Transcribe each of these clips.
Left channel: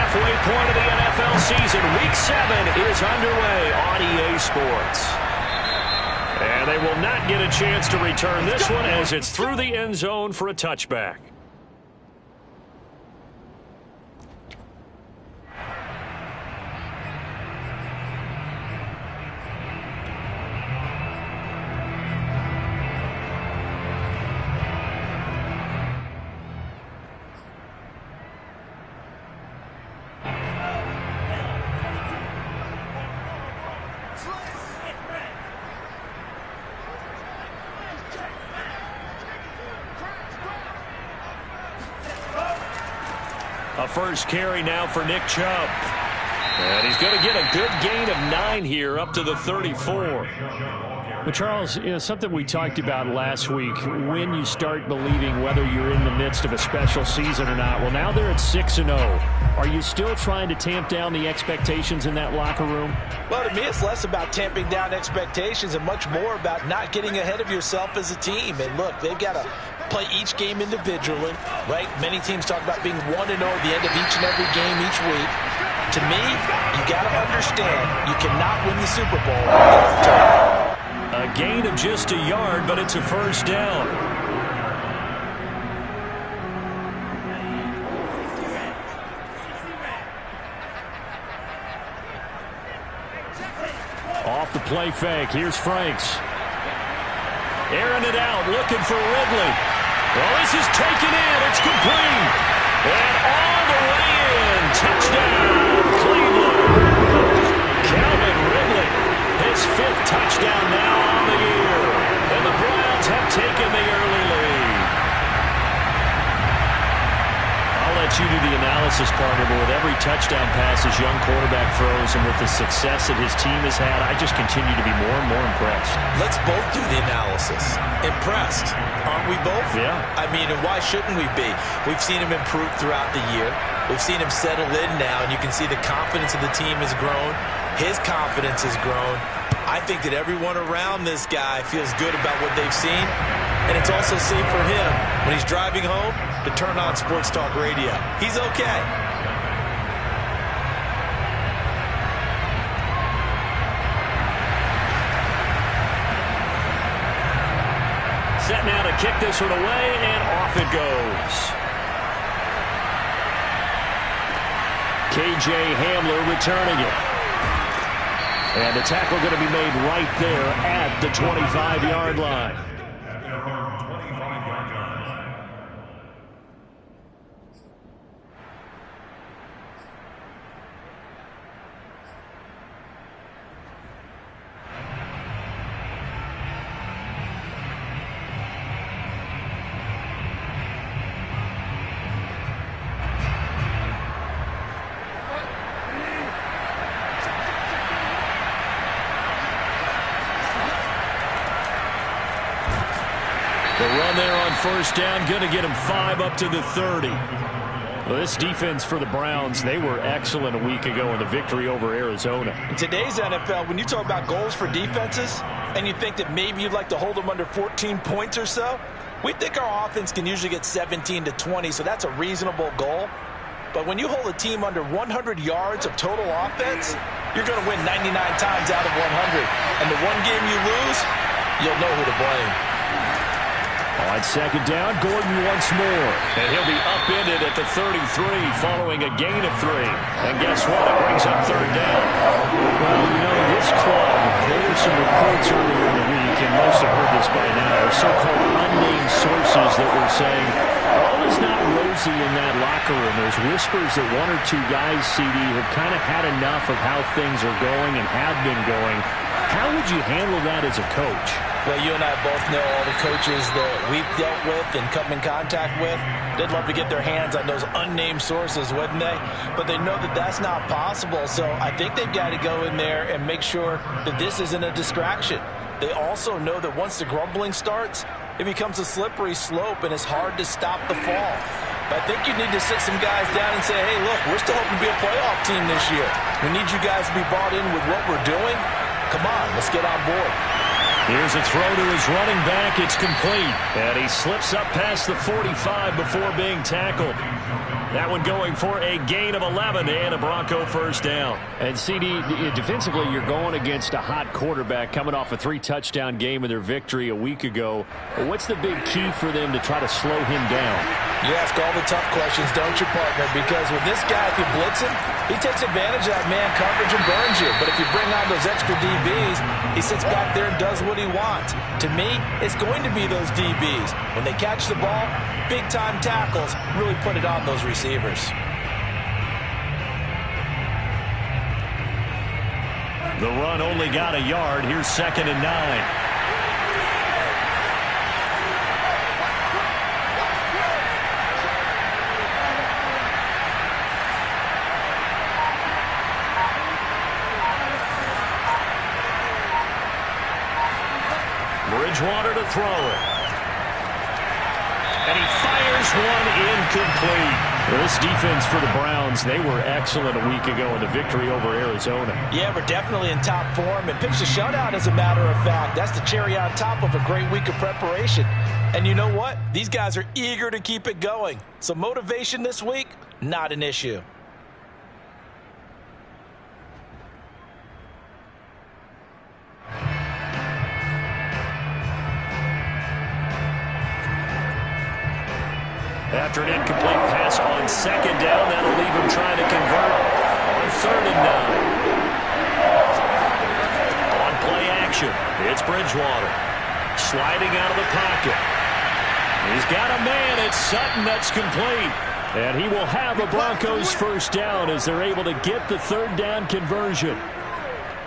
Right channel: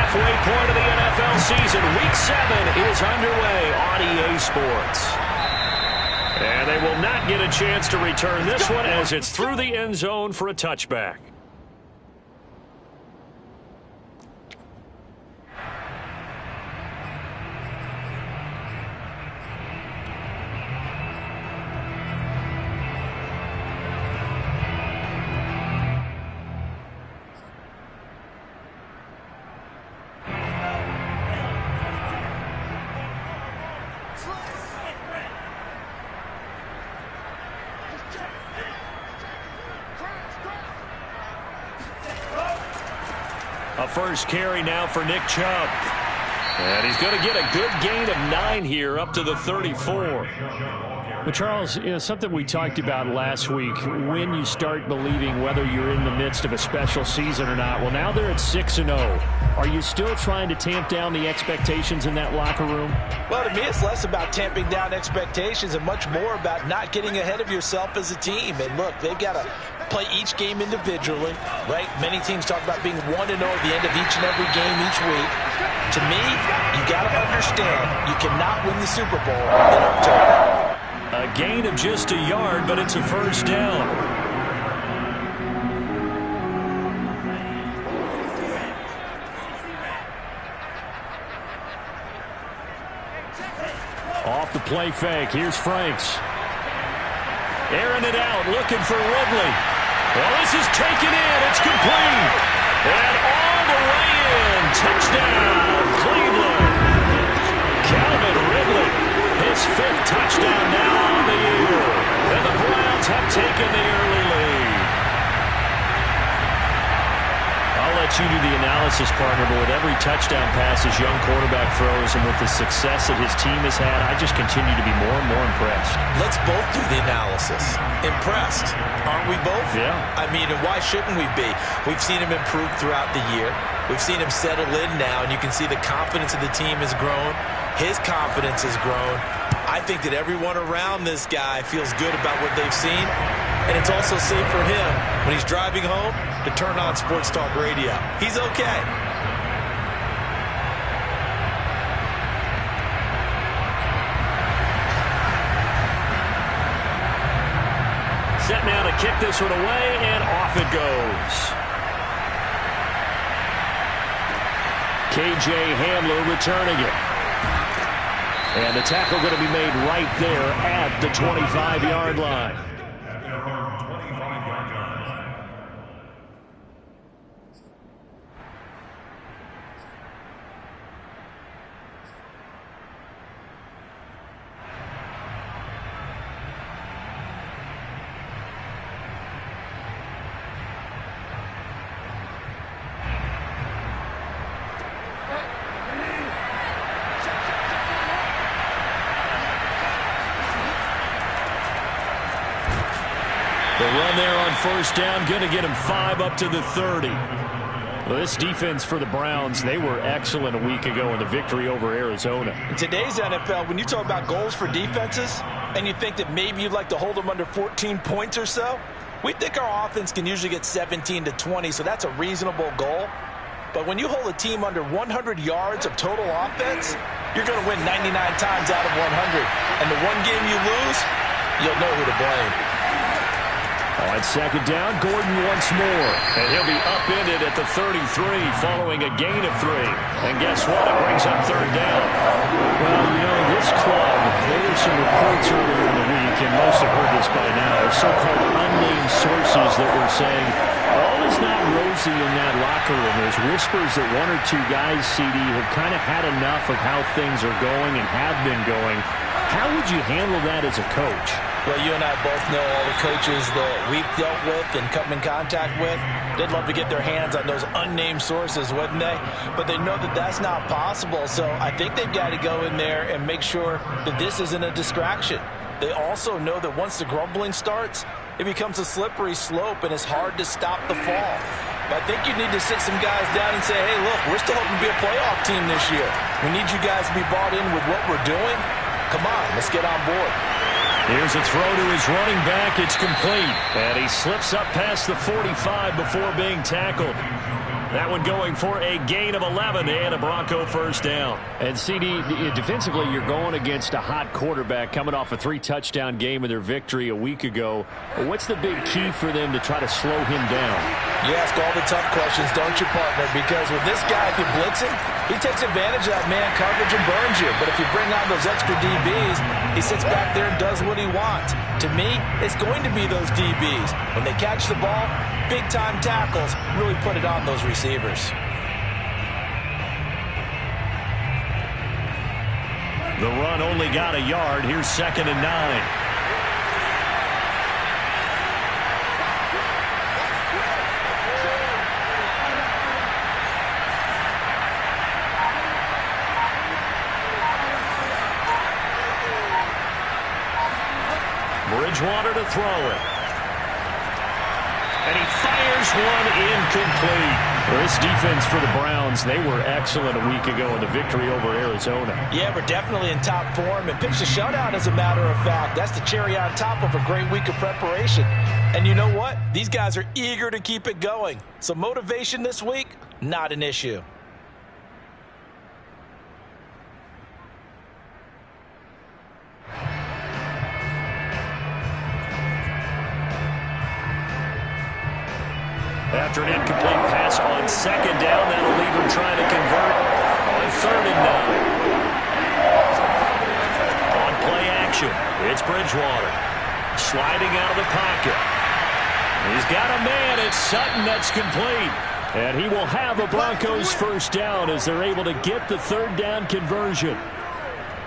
halfway point of the NFL season. Week 7 is underway on EA Sports. And they will not get a chance to return this one as it's through the end zone for a touchback. A first carry now for Nick Chubb. And he's going to get a good gain of 9 here up to the 34. Well, Charles, something we talked about last week, when you start believing whether you're in the midst of a special season or not. Well, now they're at 6-0. Are you still trying to tamp down the expectations in that locker room? Well, to me, it's less about tamping down expectations and much more about not getting ahead of yourself as a team. And look, they've got to play each game individually, right? Many teams talk about being 1-0 at the end of each and every game each week. To me, you got to understand you cannot win the Super Bowl in October. A gain of just a yard, but it's a first down. Off the play fake. Here's Franks. Airing it out, looking for Ridley. Well, this is taken in. It's complete. And all the way in. Touchdown, Cleveland. Calvin Ridley. His 5th touchdown now on the year. And the Browns have taken the early lead. I'll let you do the analysis, partner, but with every touchdown pass his young quarterback throws and with the success that his team has had, I just continue to be more and more impressed. Let's both do the analysis. Impressed, aren't we both? Yeah. I mean, and why shouldn't we be? We've seen him improve throughout the year. We've seen him settle in now, and you can see the confidence of the team has grown. His confidence has grown. I think that everyone around this guy feels good about what they've seen, and it's also safe for him when he's driving home to turn on Sports Talk Radio. He's okay. Set now to kick this one away, and off it goes. KJ Hamler returning it. And the tackle going to be made right there at the 25-yard line. The run there on first down, going to get him 5 up to the 30. Well, this defense for the Browns, they were excellent a week ago in the victory over Arizona. In today's NFL, when you talk about goals for defenses, and you think that maybe you'd like to hold them under 14 points or so, we think our offense can usually get 17 to 20, so that's a reasonable goal. But when you hold a team under 100 yards of total offense, you're going to win 99 times out of 100. And the one game you lose, you'll know who to blame. On second down, Gordon once more. And he'll be upended at the 33 following a gain of 3. And guess what? It brings up third down. Well, you know, this club, there were some reports earlier in the week, and most have heard this by now, so-called unnamed sources that were saying, all is not rosy in that locker room. There's whispers that 1 or 2 guys, CD, have kind of had enough of how things are going and have been going. How would you handle that as a coach? Well, you and I both know all the coaches that we've dealt with and come in contact with. They'd love to get their hands on those unnamed sources, wouldn't they? But they know that that's not possible. So I think they've got to go in there and make sure that this isn't a distraction. They also know that once the grumbling starts, it becomes a slippery slope and it's hard to stop the fall. But I think you need to sit some guys down and say, hey, look, we're still hoping to be a playoff team this year. We need you guys to be bought in with what we're doing. Come on, let's get on board. Here's a throw to his running back. It's complete. And he slips up past the 45 before being tackled. That one going for a gain of 11 and a Bronco first down. And CD, defensively, you're going against a hot quarterback coming off a 3-touchdown game in their victory a week ago. What's the big key for them to try to slow him down? You ask all the tough questions, don't you, partner? Because with this guy, if you blitz him, he takes advantage of that man coverage and burns you. But if you bring on those extra DBs, he sits back there and does what he wants. To me, it's going to be those DBs. When they catch the ball, big-time tackles really put it on those receivers. The run only got a yard. Here's 2nd and 9. Bridgewater to throw it. And he fires one incomplete. Well, this defense for the Browns, they were excellent a week ago in the victory over Arizona. Yeah, we're definitely in top form and pitched a shutout, as a matter of fact. That's the cherry on top of a great week of preparation. And you know what? These guys are eager to keep it going. So motivation this week, not an issue. After an incomplete pass on 2nd down, that'll leave him trying to convert on 3rd and 9. On play action, it's Bridgewater. Sliding out of the pocket. He's got a man. It's Sutton. That's complete. And he will have a Broncos first down as they're able to get the 3rd down conversion.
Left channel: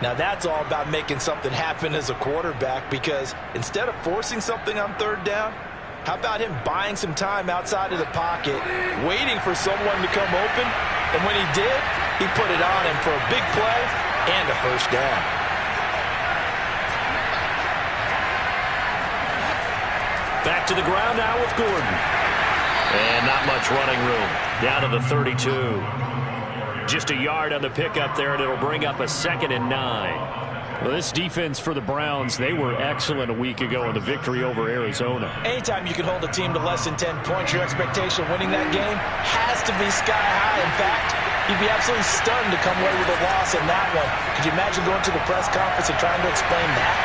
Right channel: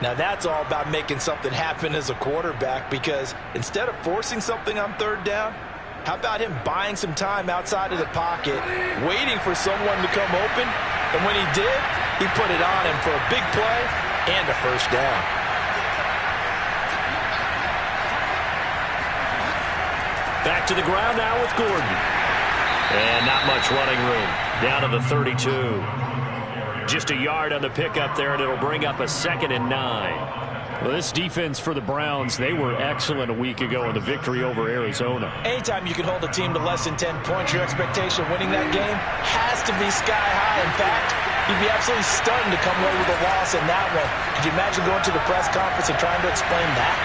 Now that's all about making something happen as a quarterback, because instead of forcing something on 3rd down, how about him buying some time outside of the pocket, waiting for someone to come open, and when he did, he put it on him for a big play and a first down. Back to the ground now with Gordon. And not much running room. Down to the 32. Just a yard on the pickup there, and it'll bring up a 2nd and 9. Well, this defense for the Browns, they were excellent a week ago in the victory over Arizona. Anytime you can hold a team to less than 10 points, your expectation of winning that game has to be sky high. In fact, you'd be absolutely stunned to come away with a loss in that one. Could you imagine going to the press conference and trying to explain that?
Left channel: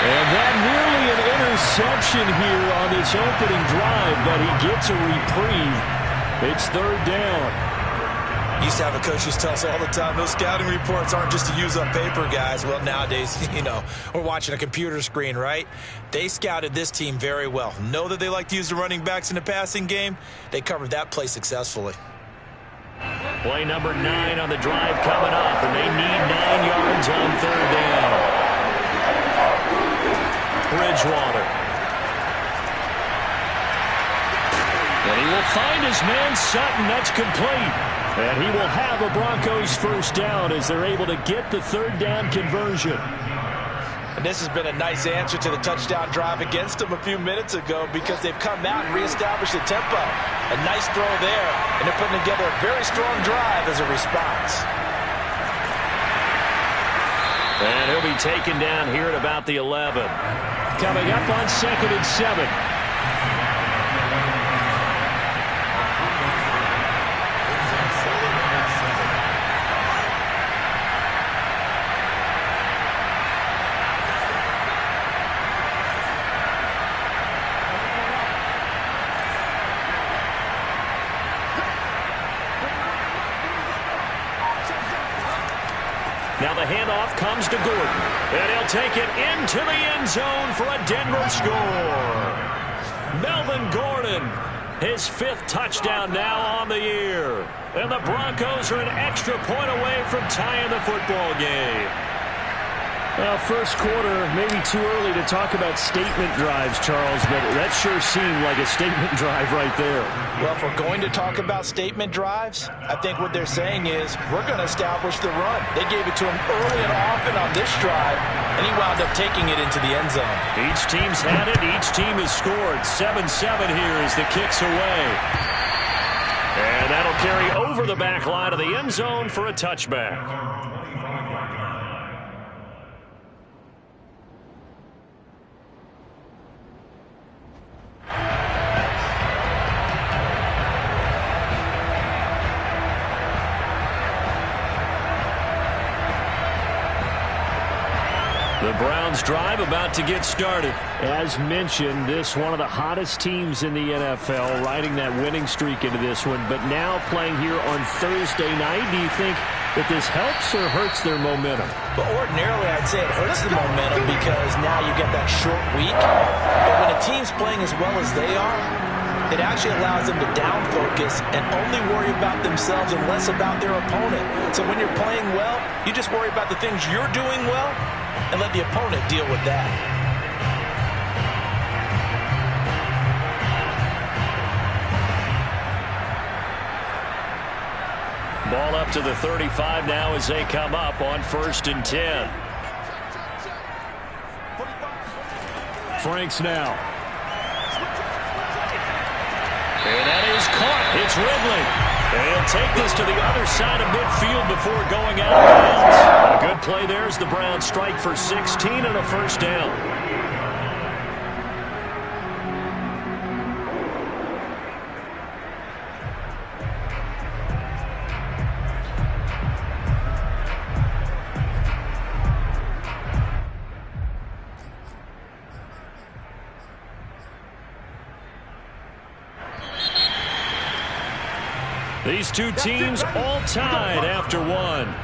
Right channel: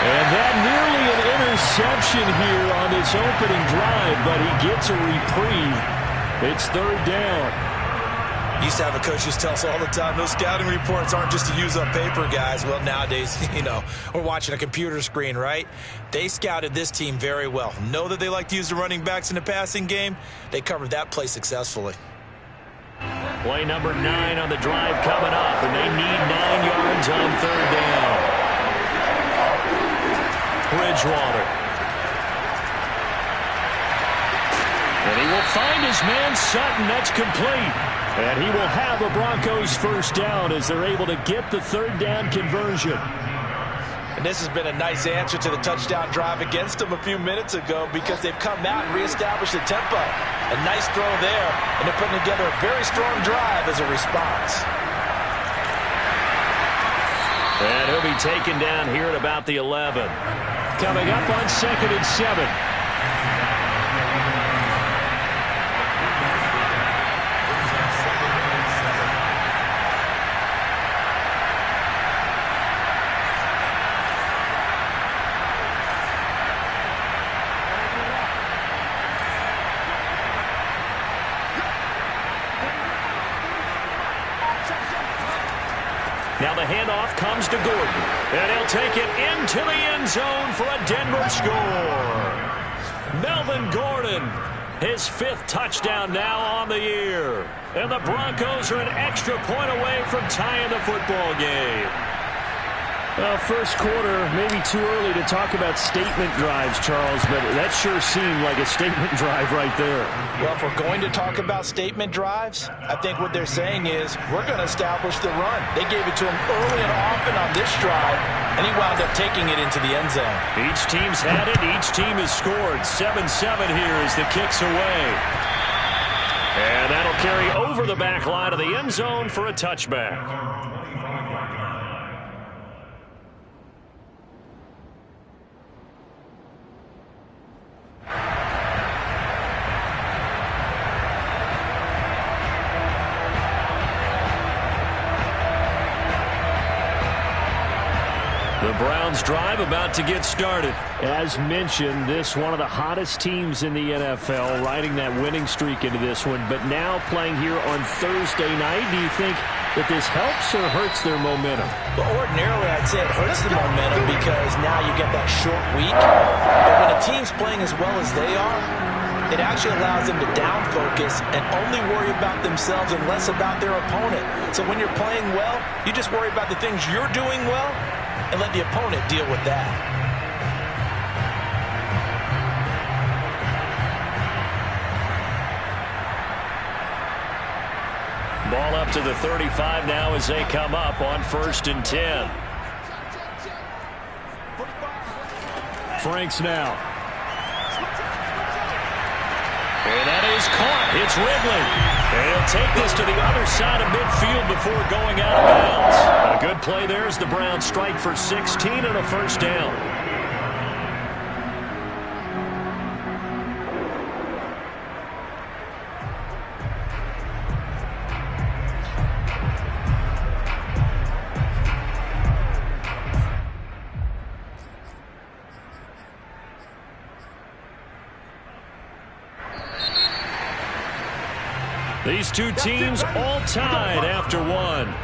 And that nearly an interception here on this opening drive, but he gets a reprieve. It's 3rd down. Used to have a coach used to tell us all the time, those scouting reports aren't just to use up paper, guys. Well, nowadays, we're watching a computer screen, right? They scouted this team very well. Know that they like to use the running backs in the passing game. They covered that play successfully. Play number 9 on the drive coming up, and they need 9 yards on 3rd down. Bridgewater. And he will find his man Sutton. That's complete. And he will have a Broncos first down as they're able to get the 3rd down conversion. And this has been a nice answer to the touchdown drive against them a few minutes ago, because they've come out and reestablished the tempo. A nice throw there, and they're putting together a very strong drive as a response. And he'll be taken down here at about the 11. Coming up on 2nd and 7. Now the handoff comes to Gordon. And he'll take it into the end zone for a Denver score. Melvin Gordon, his 5th touchdown now on the year. And the Broncos are an extra point away from tying the football game. Well, first quarter, maybe too early to talk about statement drives, Charles, but that sure seemed like a statement drive right there. Well, if we're going to talk about statement drives, I think what they're saying is we're going to establish the run. They gave it to him early and often on this drive, and he wound up taking it into the end zone. Each team's had it. Each team has scored. 7-7 here as the kick's away. And that'll carry over the back line of the end zone for a touchback. The Browns drive about to get started. As mentioned, this one of the hottest teams in the NFL, riding that winning streak into this one, but now playing here on Thursday night. Do you think that this helps or hurts their momentum? Well, ordinarily, I'd say it hurts the momentum because now you get that short week. But when a team's playing as well as they are, it actually allows them to down focus and only worry about themselves and less about their opponent. So when you're playing well, you just worry about the things you're doing well and let the opponent deal with that. Ball up to the 35 now as they come up on 1st and 10. Franks now. And that is caught. It's Ridley. They'll take this to the other side of midfield before going out of bounds. A good play there as the Browns strike for 16 and a first down. These two teams all tied after one.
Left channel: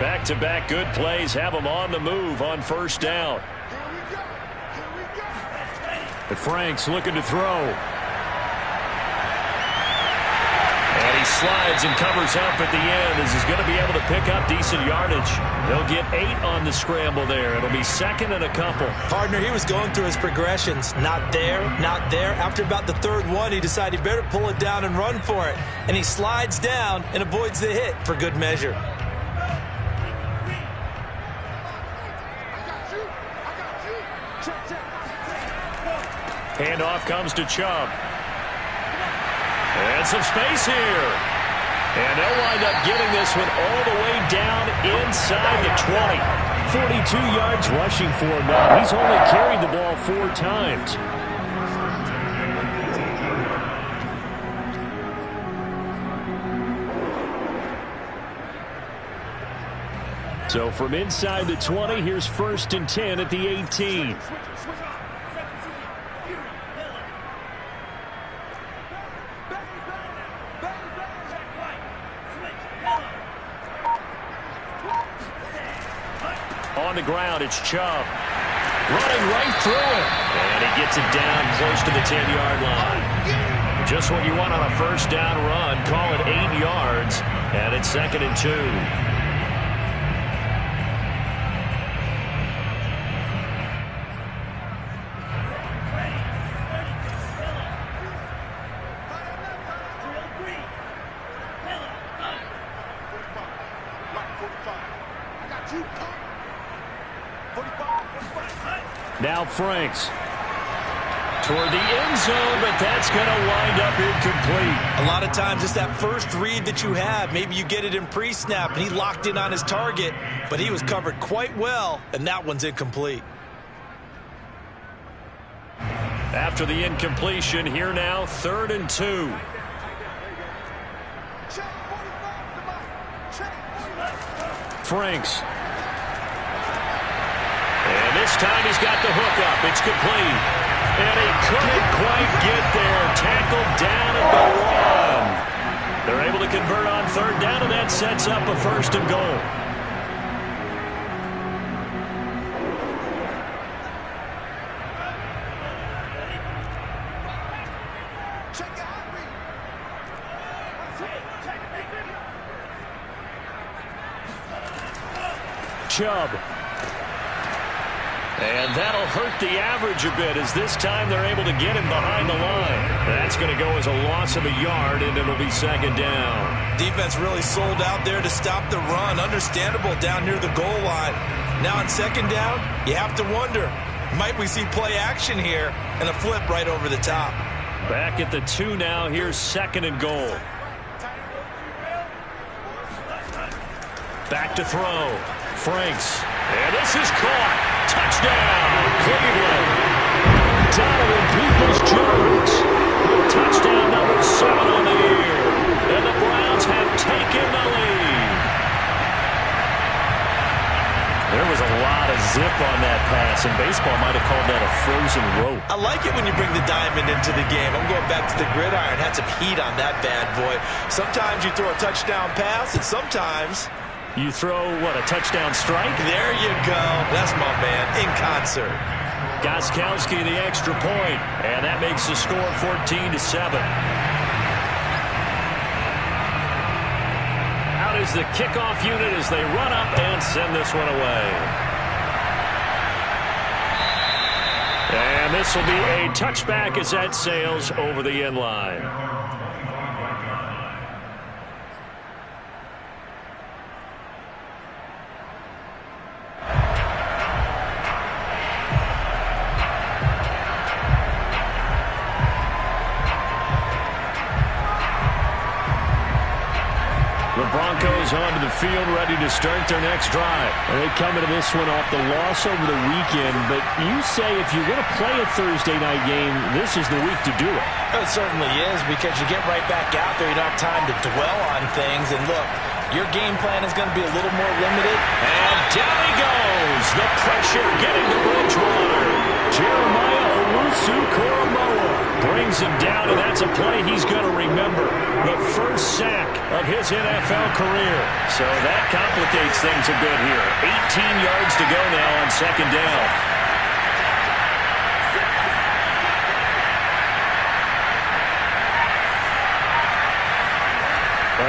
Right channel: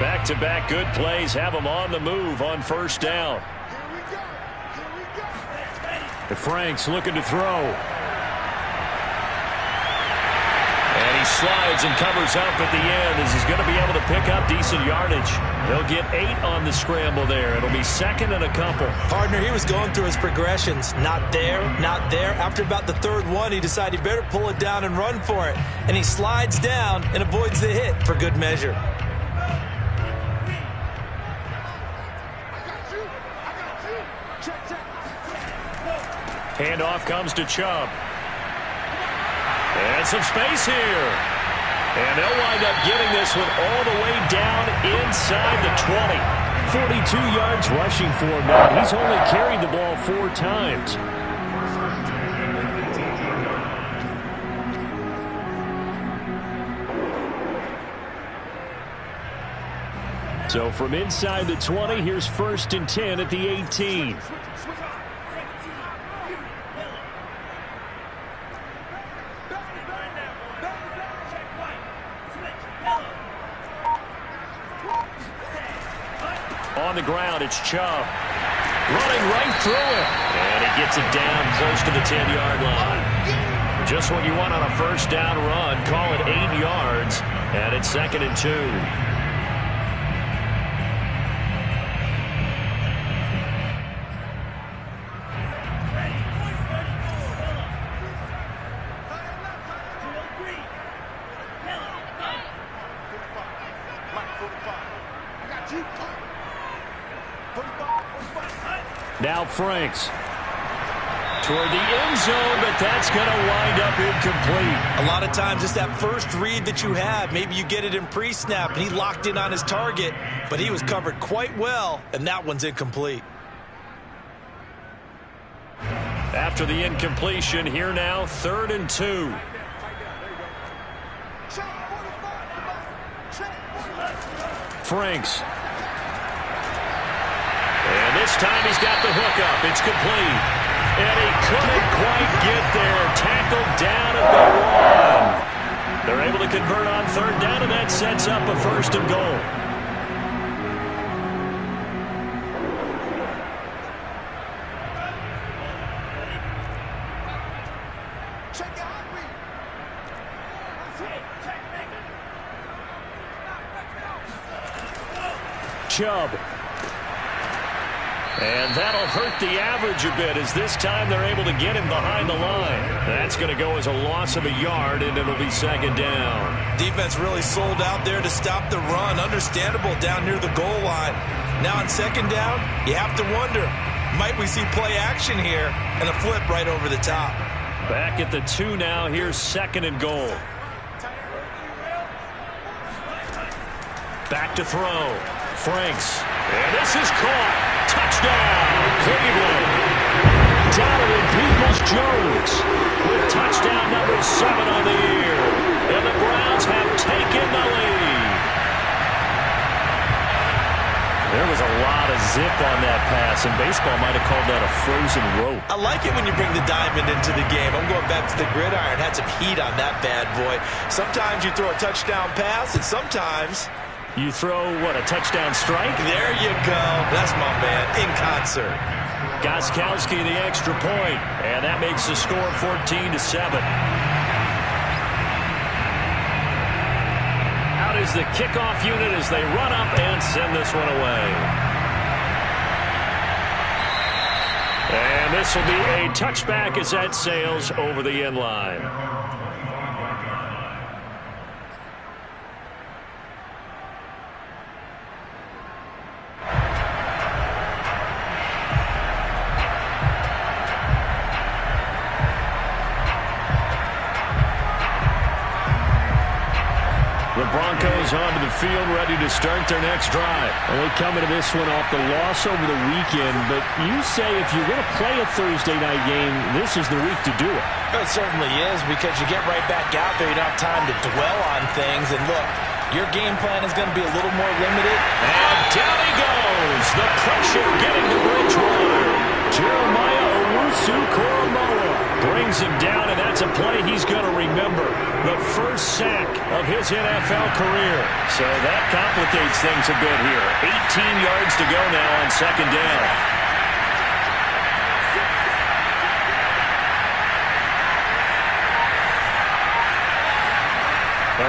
Back-to-back good plays have them on the move on first down. Franks looking to throw. And he slides and covers up at the end as he's going to be able to pick up decent yardage. He'll get 8 on the scramble there. It'll be 2nd and a couple. Partner, he was going through his progressions. Not there, not there. After about the 3rd one, he decided he better pull it down and run for it. And he slides down and avoids the hit for good measure. Handoff comes to Chubb. And some space here. And they'll wind up getting this one all the way down inside the 20. 42 yards rushing for him now. He's only carried the ball 4 times. So from inside the 20, here's 1st and 10 at the 18. On the ground, it's Chubb. Running right through him. And he gets it down close to the 10-yard line. Just what you want on a first down run. Call it 8 yards. And it's 2nd and 2. Now Franks. Toward the end zone, but that's going to wind up incomplete. A lot of times it's that first read that you have. Maybe you get it in pre-snap, and he locked in on his target, but he was covered quite well, and that one's incomplete. After the incompletion, here now, 3rd and 2. Franks. And this time he's got the hook up. It's complete. And he couldn't quite get there. Tackled down at the 1. They're able to convert on 3rd down, and that sets up a 1st and goal. Chubb. And that'll hurt the average a bit as this time they're able to get him behind the line. That's going to go as a loss of a yard, and it'll be 2nd down. Defense really sold out there to stop the run. Understandable down near the goal line. Now on 2nd down, you have to wonder, might we see play action here and a flip right over the top? Back at the 2 now. Here's 2nd and goal. Back to throw. Franks. And this is caught. Touchdown, Cleveland. Donovan Peoples-Jones with touchdown number 7 on the year. And the Browns have taken the lead. There was a lot of zip on that pass, and baseball might have called that a frozen rope. I like it when you bring the diamond into the game. I'm going back to the gridiron. Had some heat on that bad boy. Sometimes you throw a touchdown pass, and sometimes you throw, what, a touchdown strike? There you go. That's my man, in concert. Gostkowski the extra point, and that makes the score 14-7. Out is the kickoff unit as they run up and send this one away. And this will be a touchback as that sails over the end line. The Broncos onto the field, ready to start their next drive. And they come into this one off the loss over the weekend, but you say if you're going to play a Thursday night game, this is the week to do it. It certainly is, because you get right back out there. You don't have time to dwell on things. And look, your game plan is going to be a little more limited. And down he goes. The pressure getting to Bridgewater. Jeremiah Owusu-Koramoah brings him down, and that's a play he's going to remember. The first sack of his NFL career. So that complicates things a bit here. 18 yards to go now on second down.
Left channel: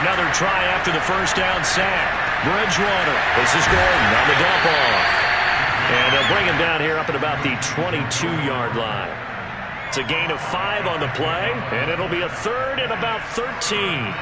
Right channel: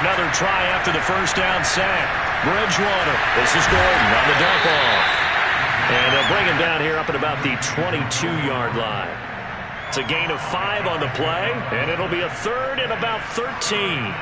Another try after the first down sack. Bridgewater. This is Gordon on the dump off. And they'll bring him down here up at about the 22-yard line. It's a gain of 5 on the play, and it'll be a third and about 13.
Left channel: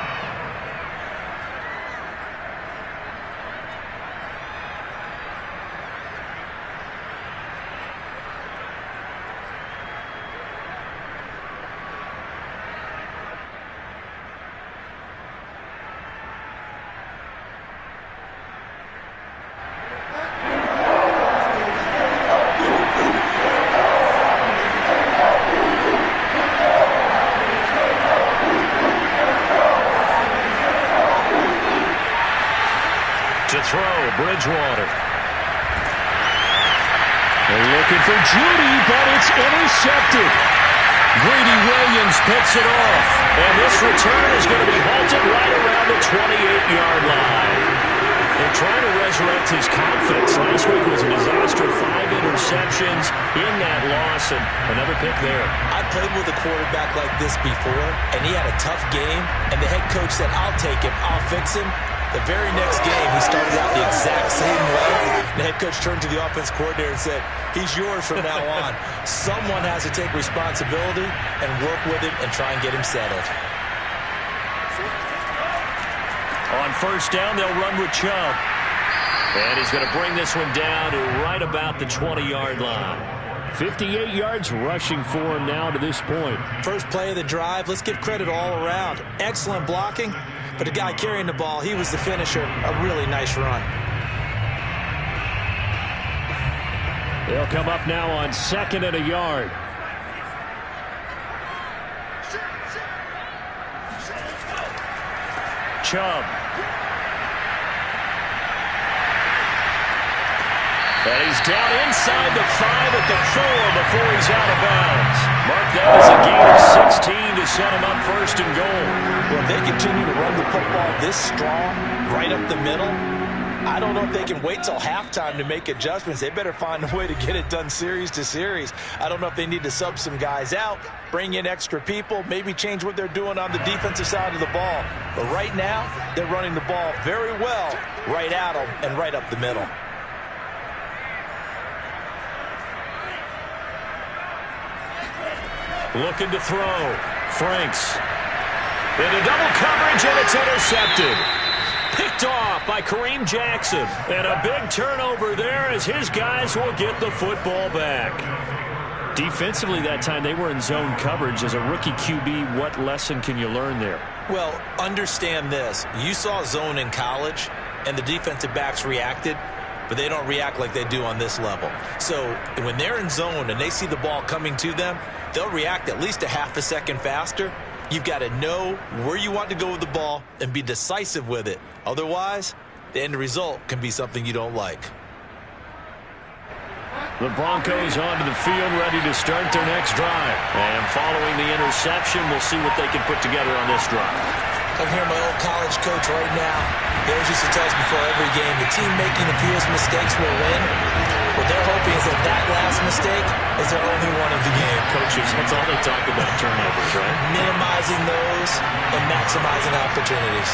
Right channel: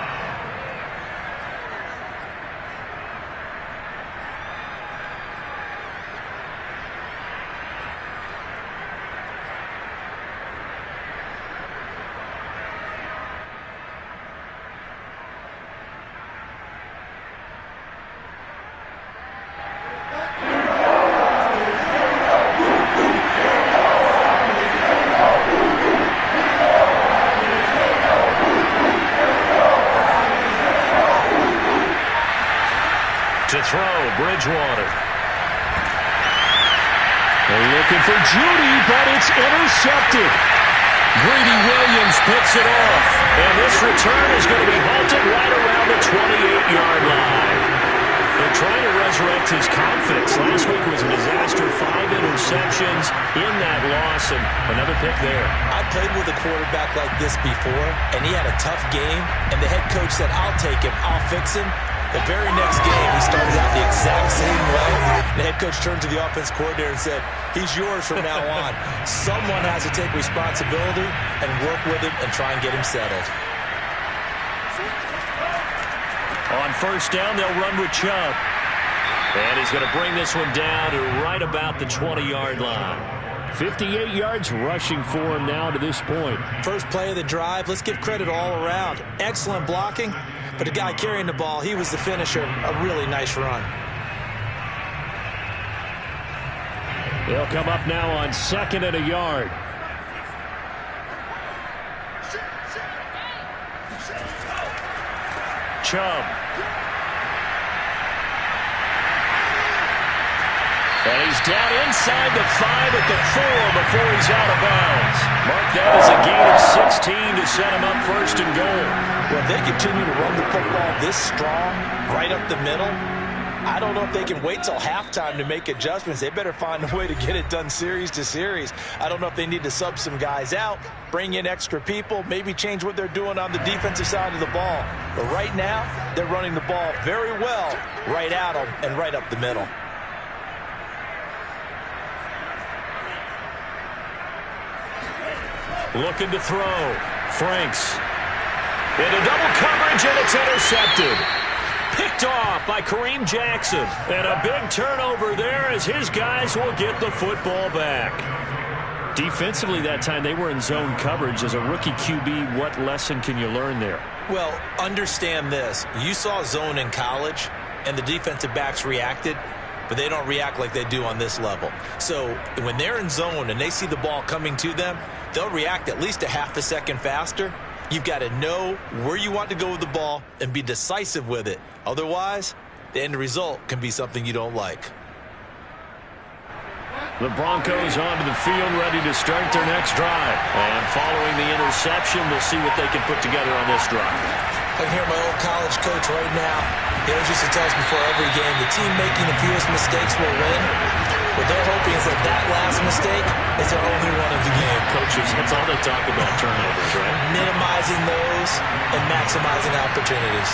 To throw, Bridgewater. They're looking for Judy, but it's intercepted. Greedy Williams picks it off. And this return is going to be halted right around the 28-yard line. They're trying to resurrect his confidence. Last week was a disaster. 5 interceptions in that loss, and another pick there. I played with a quarterback like this before, and he had a tough game, and the head coach said, I'll take him, I'll fix him. The very next game, he started out the exact same way. The head coach turned to the offense coordinator and said, he's yours from now on. Someone has to take responsibility and work with him and try and get him settled. On first down, they'll run with Chubb. And he's going to bring this one down to right about the 20-yard line. 58 yards rushing for him now to this point. First play of the drive, let's give credit all around. Excellent blocking, but the guy carrying the ball, he was the finisher. A really nice run. They'll come up now on 2nd and a yard. Chubb. And he's down inside the 5 at the 4 before he's out of bounds. Mark that as a gain of 16 to set him up first and goal. Well, if they continue to run the football this strong, right up the middle, I don't know if they can wait till halftime to make adjustments. They better find a way to get it done series to series. I don't know if they need to sub some guys out, bring in extra people, maybe change what they're doing on the defensive side of the ball. But right now, they're running the ball very well right at them and right up the middle. Looking to throw. Franks. Into double coverage, and it's intercepted. Picked off by Kareem Jackson. And a big turnover there as his guys will get the football back. Defensively that time, they were in zone coverage. As a rookie QB, what lesson can you learn there? Well, understand this. You saw zone in college. and the defensive backs reacted, but they don't react like they do on this level. So when they're in zone and they see the ball coming to them, they'll react at least a half a second faster. You've got to know where you want to go with the ball and be decisive with it. Otherwise, the end result can be something you don't like. The Broncos onto the field, ready to start their next drive. And following the interception, we'll see what they can put together on this drive. I can hear my old college coach right now. He always used to tell us before every game, the team making the fewest mistakes will win. What they're hoping is that last mistake is their only one of the game. Coaches, that's all they talk about, turnovers, right? Minimizing those and maximizing opportunities.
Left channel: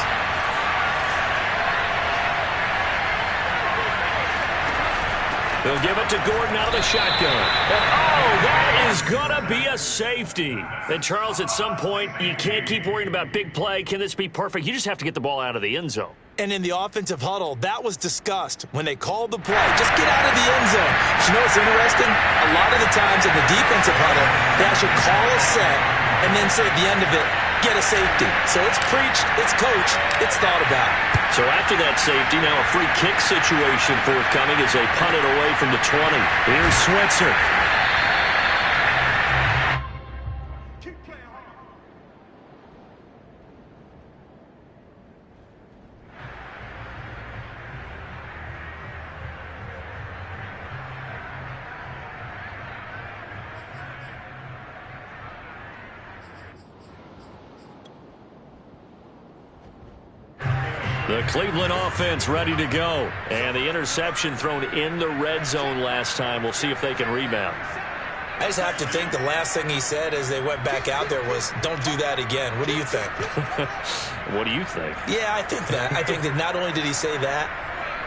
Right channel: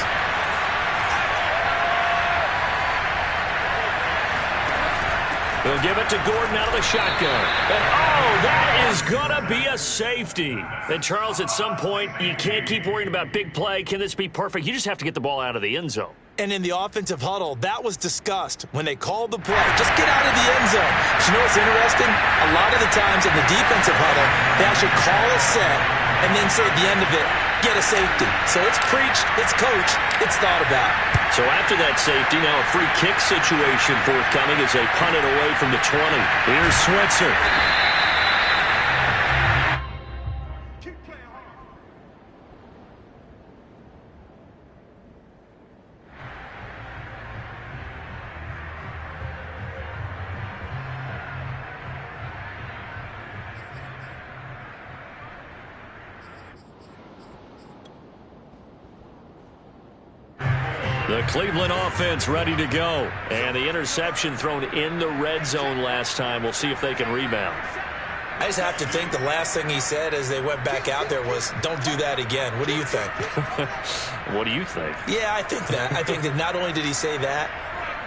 They'll give it to Gordon out of the shotgun. And, oh, that is going to be a safety. And, Charles, at some point, you can't keep worrying about big play. Can this be perfect? You just have to get the ball out of the end zone. And in the offensive huddle, that was discussed when they called the play. Just get out of the end zone. But you know what's interesting? A lot of the times in the defensive huddle, they actually call a set and then say at the end of it, get a safety. So it's preached, it's coached, it's thought about. So after that safety, now a free kick situation forthcoming as they punt it away from the 20. Here's Switzer. The Cleveland offense ready to go. And the interception thrown in the red zone last time. We'll see if they can rebound. I just have to think the last thing he said as they went back out there was, don't do that again. What do you think? What do you think? Yeah, I think that. I think that not only did he say that,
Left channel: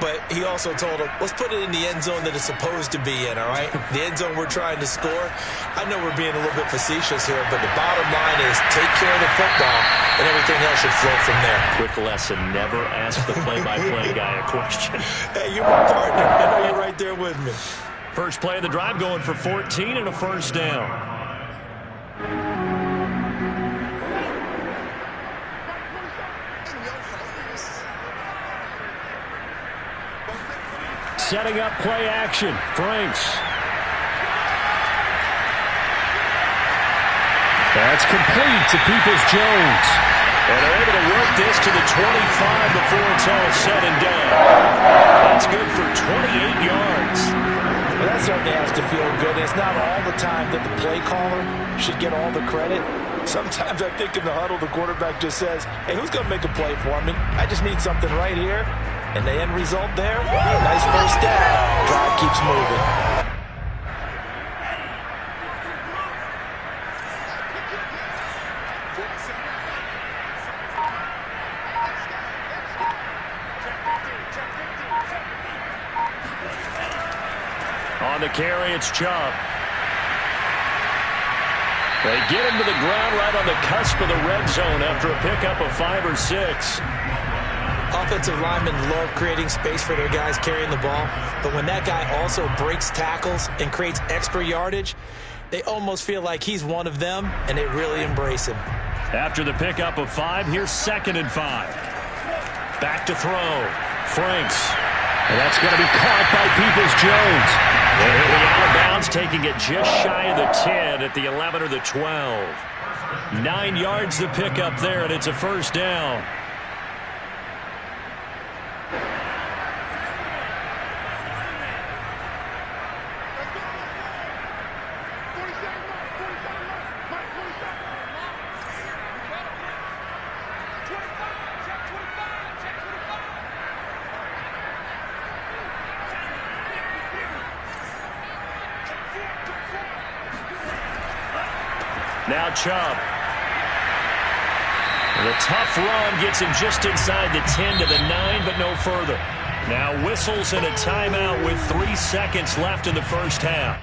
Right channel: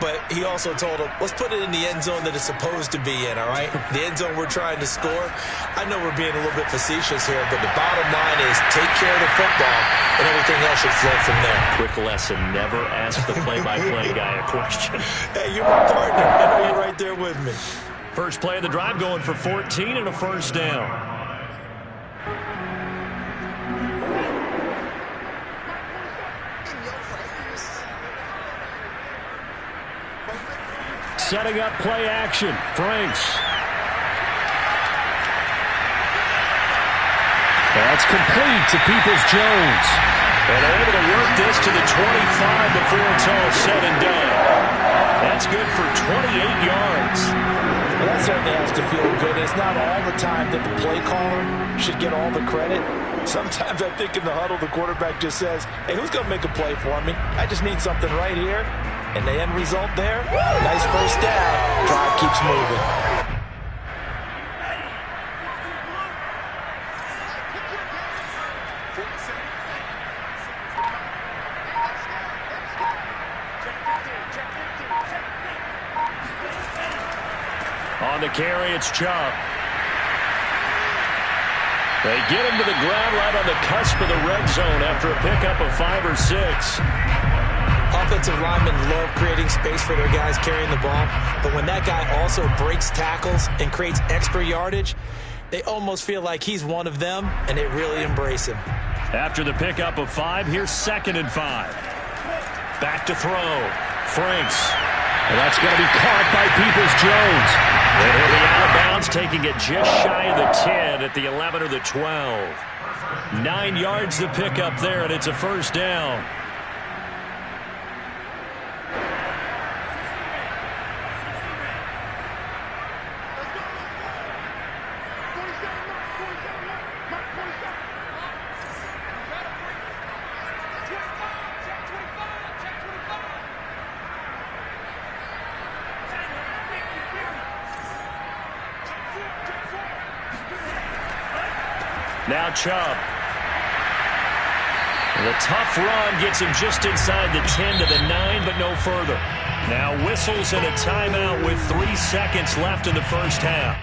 but he also told him, let's put it in the end zone that it's supposed to be in, all right? The end zone we're trying to score. I know we're being a little bit facetious here, but the bottom line is take care of the football, and everything else should flow from there. Quick lesson, never ask the play-by-play guy a question. Hey, you're my partner. I know you're right there with me. First play of the drive going for 14 and a first down. Setting up play action. Franks. That's complete to Peoples-Jones. And they're able to work this to the 25 before it's all said and done. That's good for 28 yards. Well, that certainly has to feel good. It's not all the time that the play caller should get all the credit. Sometimes I think in the huddle, the quarterback just says, hey, who's going to make a play for me? I just need something right here. And the end result there, nice first down. Drive keeps moving. On the carry, it's Chubb. They get him to the ground right on the cusp of the red zone after a pickup of 5 or 6. Offensive linemen love creating space for their guys carrying the ball, but when that guy also breaks tackles and creates extra yardage, they almost feel like he's one of them, and they really embrace him. After the pickup of 5, here's 2nd and 5. Back to throw. Franks. And that's going to be caught by Peoples-Jones. And he'll be out of bounds, taking it just shy of the 10 at the 11 or the 12. 9 yards to pick up there, and it's a first down. Now Chubb. The tough run gets him just inside the 10 to the 9, but no further. Now whistles and a timeout with 3 seconds left in the first half.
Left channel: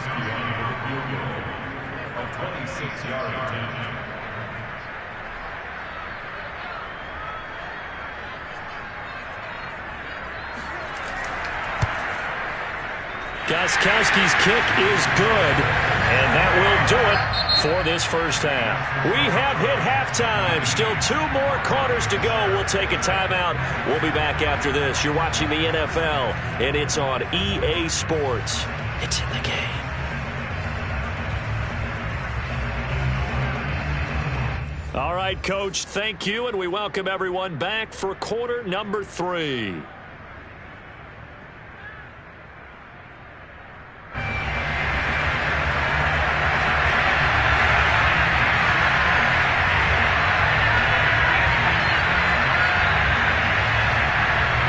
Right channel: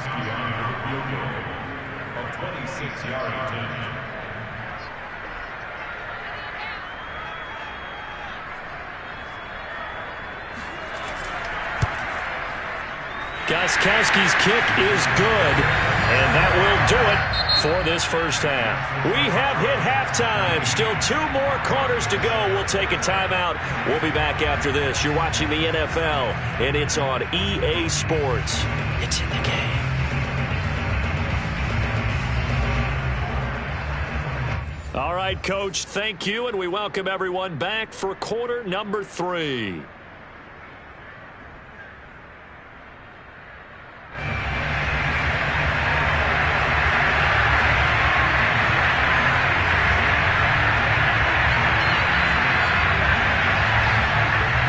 Gostkowski on for the field goal of 26-yard attempt. Gostkowski's kick is good, and that will do it for this first half. We have hit halftime. Still 2 more quarters to go. We'll take a timeout. We'll be back after this. You're watching the NFL, and it's on EA Sports. It's in the game. All right, Coach, thank you, and we welcome everyone back for quarter number 3.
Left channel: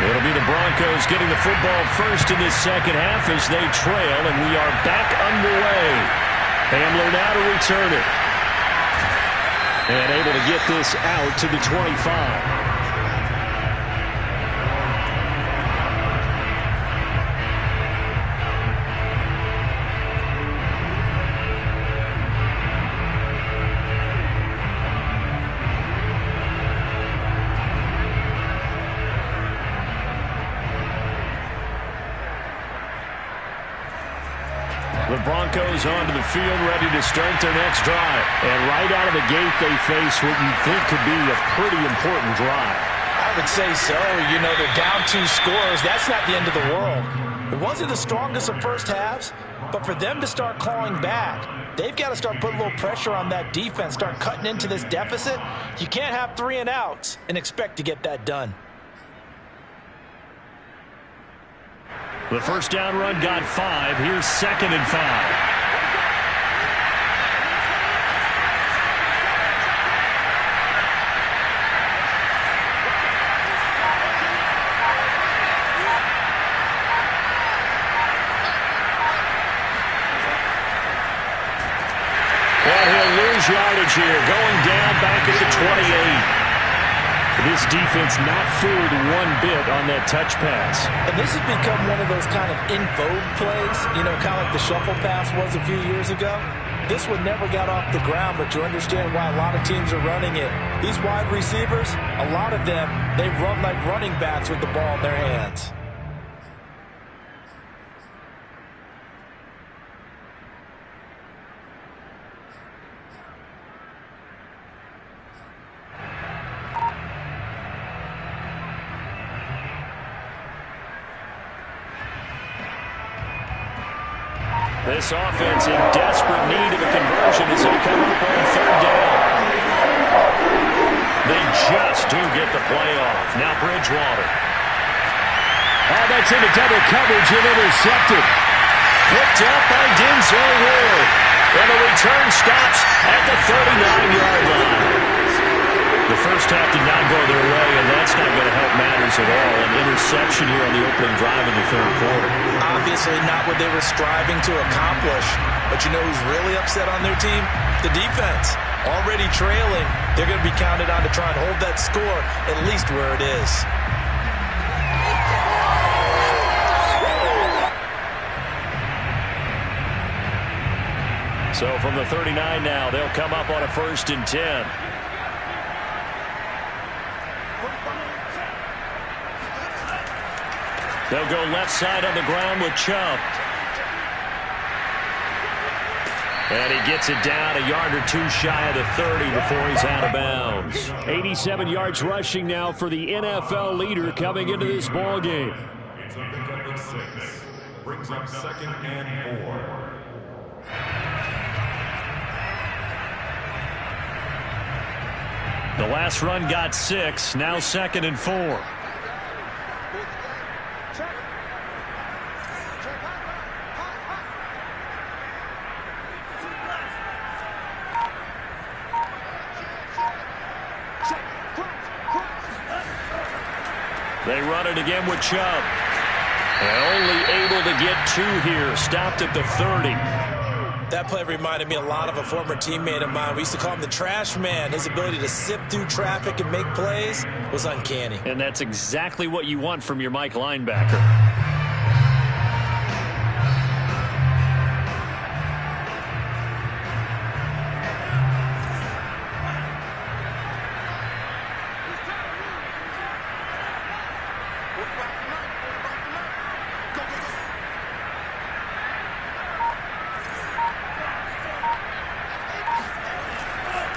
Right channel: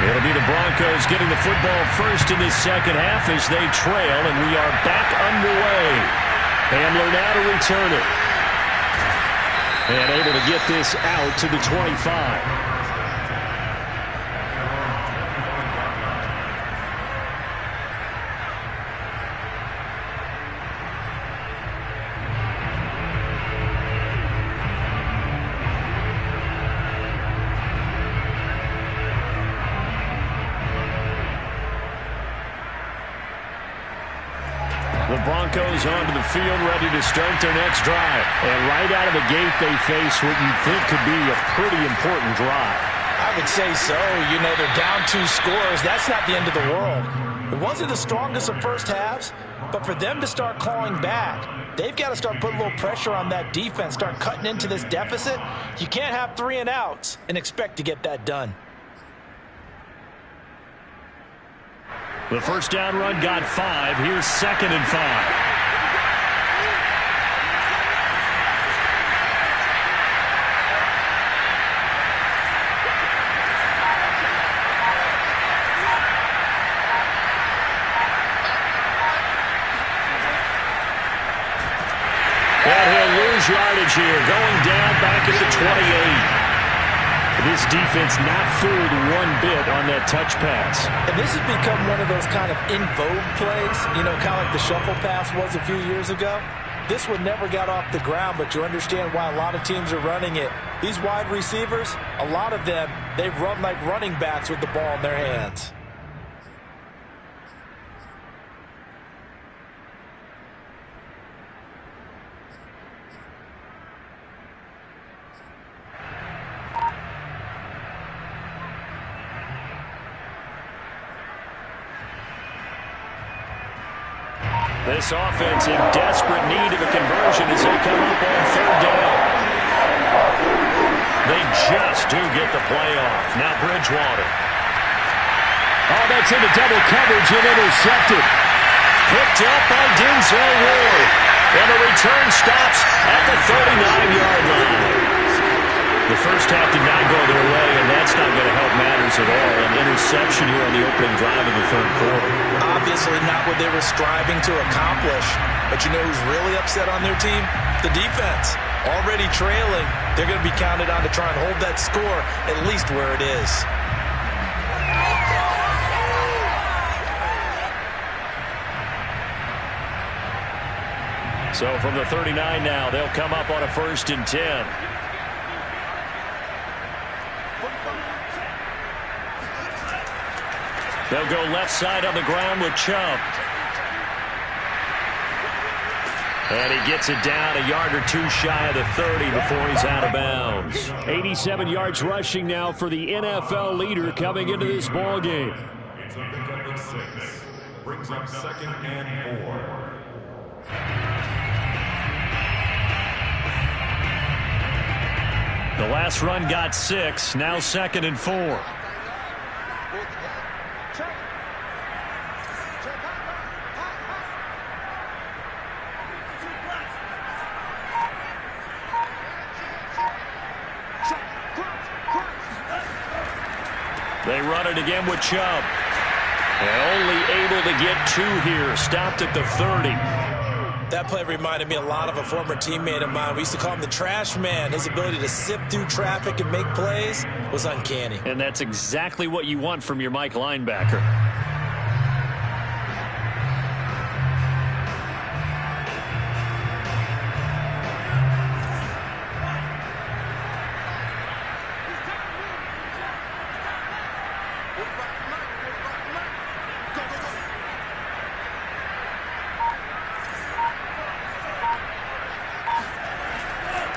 It'll be the Broncos getting the football first in this second half as they trail, and we are back underway. Hamler now to return it. And able to get this out to the 25. The Broncos onto the field, ready to start their next drive. And right out of the gate, they face what you think could be a pretty important drive. I would say so. You know, they're down 2 scores. That's not the end of the world. It wasn't the strongest of first halves, but for them to start clawing back, they've got to start putting a little pressure on that defense, start cutting into this deficit. You can't have 3 and outs and expect to get that done. The first down run got 5. Here's 2nd and 5. And he'll lose yardage here, going down back at the 28. This defense not fooled one bit on that touch pass. And this has become one of those kind of in vogue plays, you know, kind of like the shuffle pass was a few years ago. This one never got off the ground, but you understand why a lot of teams are running it. These wide receivers, a lot of them, they run like running backs with the ball in their hands. This offense in desperate need of a conversion as they come up on 3rd down. They just do get the play off. Now Bridgewater. Oh, that's into double coverage and intercepted. Picked up by Denzel Ward. And the return stops at the 39-yard line. The first half did not go their way, and that's not going to help matters at all. An interception here on the opening drive of the 3rd quarter. Obviously not what they were striving to accomplish. But you know who's really upset on their team? The defense. Already trailing. They're going to be counted on to try and hold that score at least where it is. So from the 39 now, they'll come up on a 1st and 10. They'll go left side on the ground with Chubb. And he gets it down a yard or 2 shy of the 30 before he's out of bounds. 87 yards rushing now for the NFL leader coming into this ball game. It's a pickup of 6. Brings up 2nd and 4. The last run got 6. Now 2nd and 4. They run it again with Chubb. And only able to get 2 here. Stopped at the 30. That play reminded me a lot of a former teammate of mine. We used to call him the trash man. His ability to sift through traffic and make plays was uncanny. And that's exactly what you want from your Mike linebacker.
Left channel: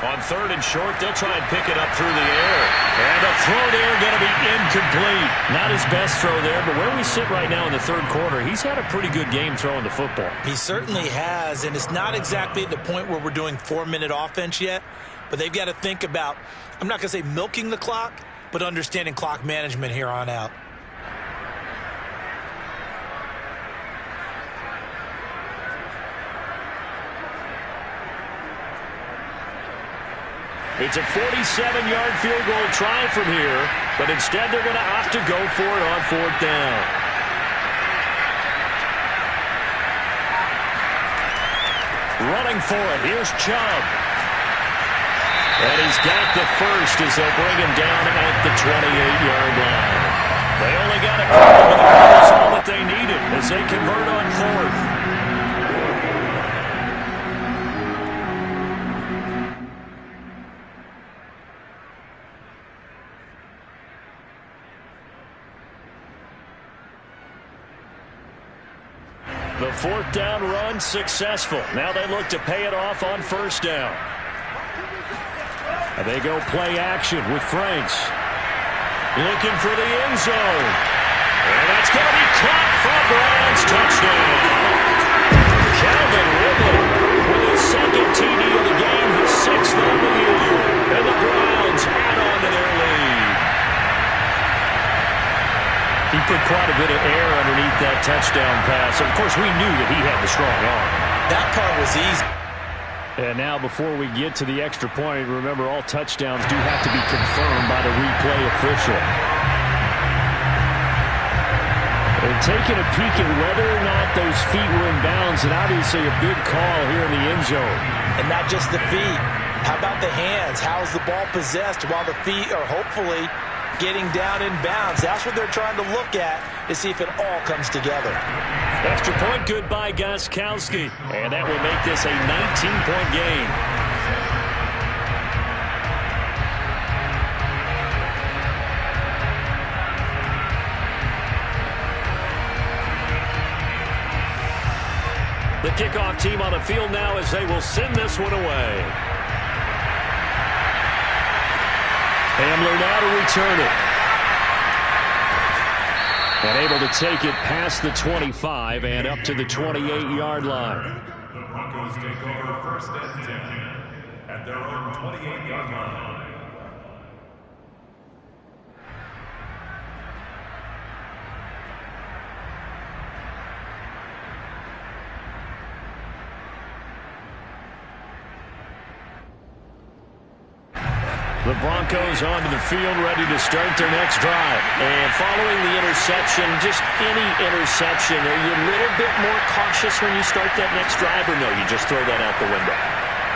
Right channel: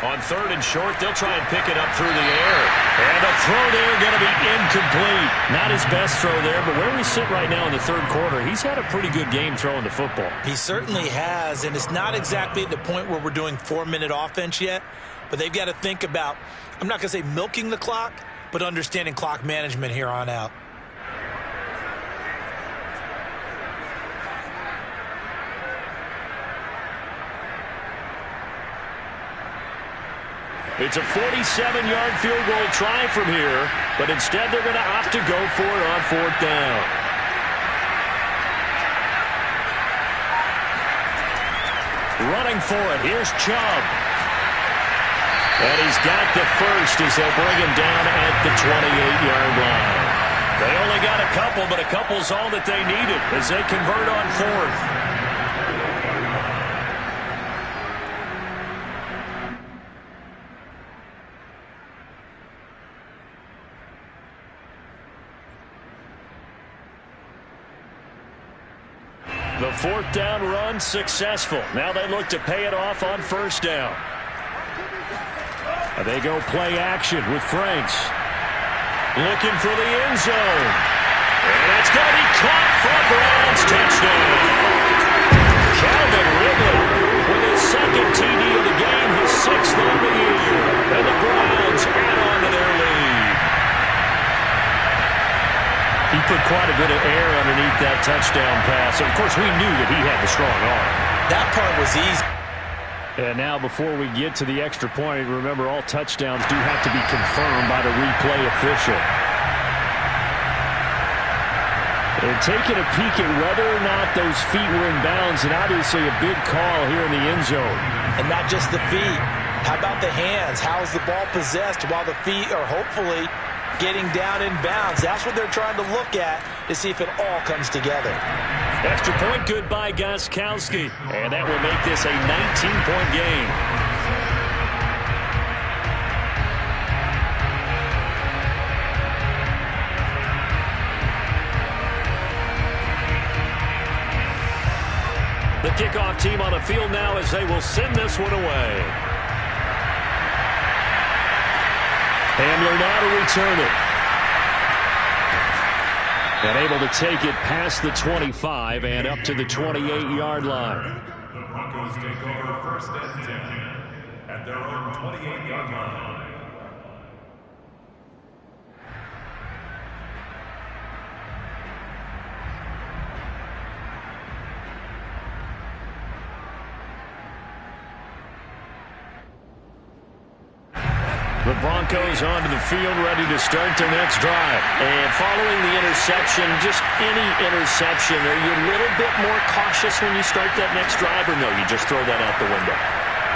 On 3rd and short, they'll try and pick it up through the air. And the throw there going to be incomplete. Not his best throw there, but where we sit right now in the 3rd quarter, he's had a pretty good game throwing the football. He certainly has, and it's not exactly at the point where we're doing 4-minute offense yet, but they've got to think about, I'm not going to say milking the clock, but understanding clock management here on out. It's a 47-yard field goal try from here, but instead they're going to opt to go for it on 4th down. Running for it, here's Chubb. And he's got the first as they'll bring him down at the 28-yard line. They only got a couple, but a couple's all that they needed as they convert on 4th. The 4th down run successful. Now they look to pay it off on 1st down. They go play action with Franks. Looking for the end zone. And that's going to be caught for a Browns touchdown. Calvin Ridley with his 2nd TD of the game, his 6th on the year. And the Browns add on to their lead. He put quite a bit of air underneath that touchdown pass. Of course, we knew that he had the strong arm. That part was easy. And now before we get to the extra point, remember all touchdowns do have to be confirmed by the replay official. They're taking a peek at whether or not those feet were in bounds, and obviously a big call here in the end zone. And not just the feet. How about the hands? How is the ball possessed while the feet are hopefully getting down in bounds? That's what they're trying to look at to see if it all comes together. Extra point good by Gostkowski. And that will make this a 19-point game. The kickoff team on the field now as they will send this one away. Hamler now to return it. And able to take it past the 25 and up to the 28-yard line. The Broncos take over 1st and 10 at their own 28-yard line. The Broncos onto the field, ready to start their next drive. And following the interception, just any interception, are you a little bit more cautious when you start that next drive, or no, you just throw that out the window?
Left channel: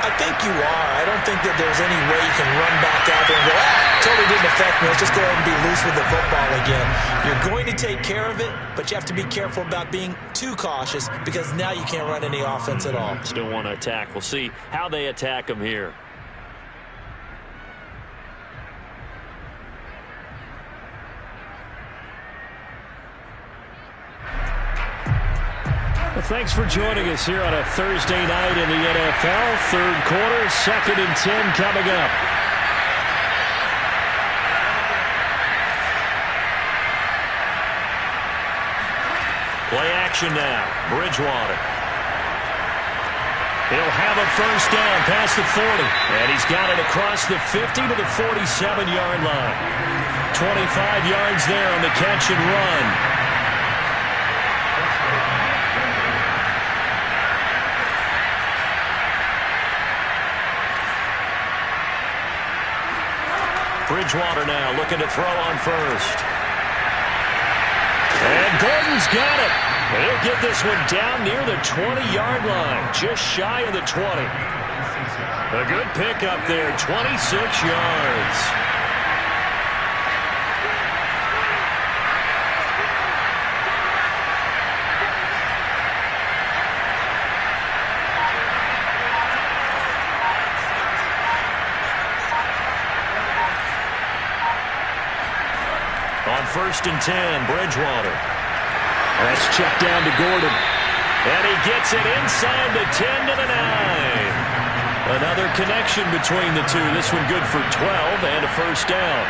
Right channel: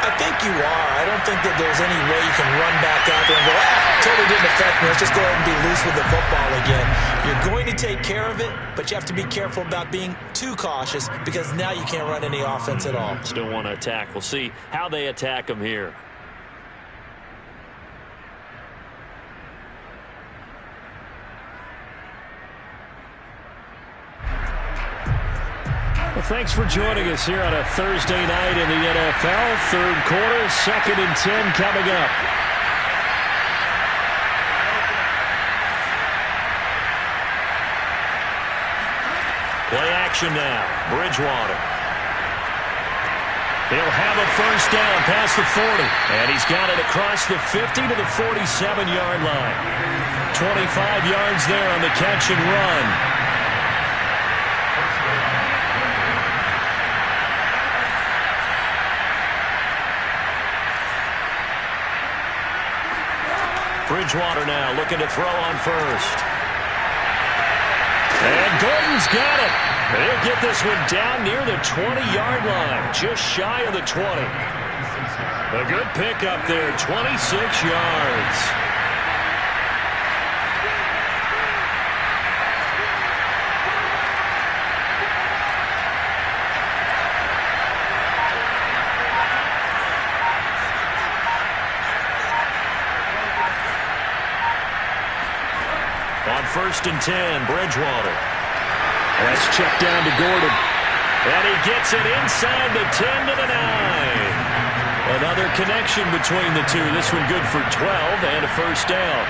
I think you are. I don't think that there's any way you can run back out there and go, totally didn't affect me. Let's just go ahead and be loose with the football again. You're going to take care of it, but you have to be careful about being too cautious because now you can't run any offense at all. Still want to attack. We'll see how they attack them here. Well, thanks for joining us here on a Thursday night in the NFL. 3rd quarter, 2nd and 10 coming up. Play action now. Bridgewater. He'll have a 1st down past the 40. And he's got it across the 50 to the 47-yard line. 25 yards there on the catch and run. Bridgewater now looking to throw on 1st. And Gordon's got it. He'll get this one down near the 20-yard line, just shy of the 20. A good pickup there, 26 yards. On 1st and 10, Bridgewater. That's checked down to Gordon. And he gets it inside the 10 to the 9. Another connection between the two. This one good for 12 and a first down.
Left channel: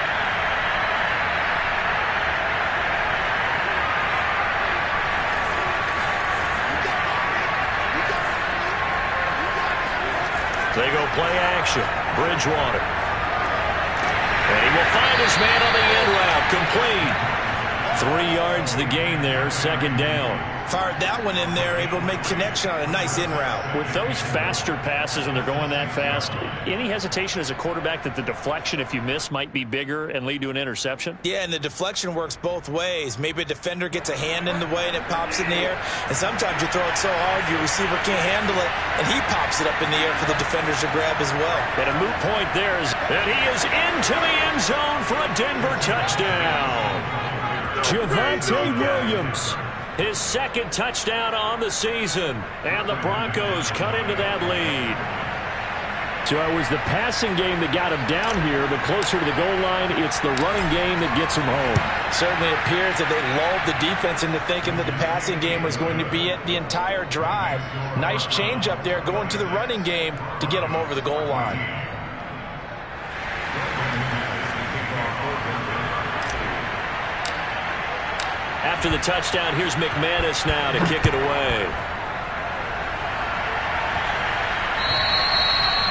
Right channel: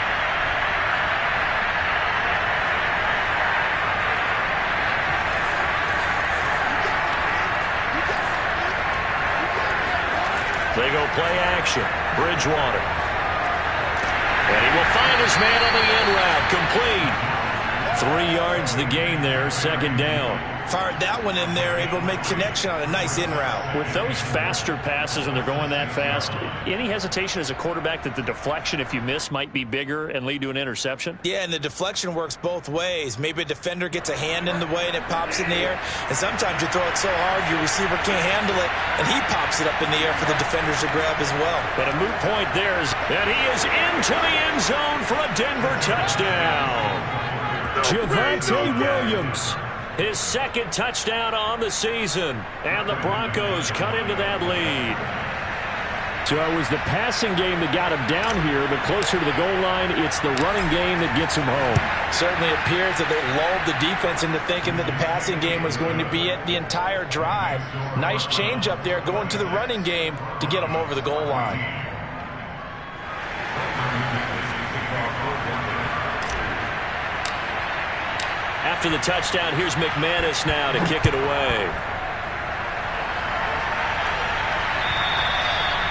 They go play action. Bridgewater. And he will find his man on the end route. Complete. 3 yards the gain there. Second down. Fired that one in there, able to make connection on a nice in route. With those faster passes and they're going that fast, any hesitation as a quarterback that the deflection, if you miss, might be bigger and lead to an interception? Yeah, and the deflection works both ways. Maybe a defender gets a hand in the way and it pops in the air. And sometimes you throw it so hard your receiver can't handle it, and he pops it up in the air for the defenders to grab as well. But a moot point there is that he is into the end zone for a Denver touchdown. Javonte Williams. His second touchdown on the season. And the Broncos cut into that lead. So it was the passing game that got him down here, but closer to the goal line, it's the running game that gets him home. Certainly appears that they lulled the defense into thinking that the passing game was going to be it the entire drive. Nice change up there going to the running game to get him over the goal line. After the touchdown, here's McManus now to kick it away.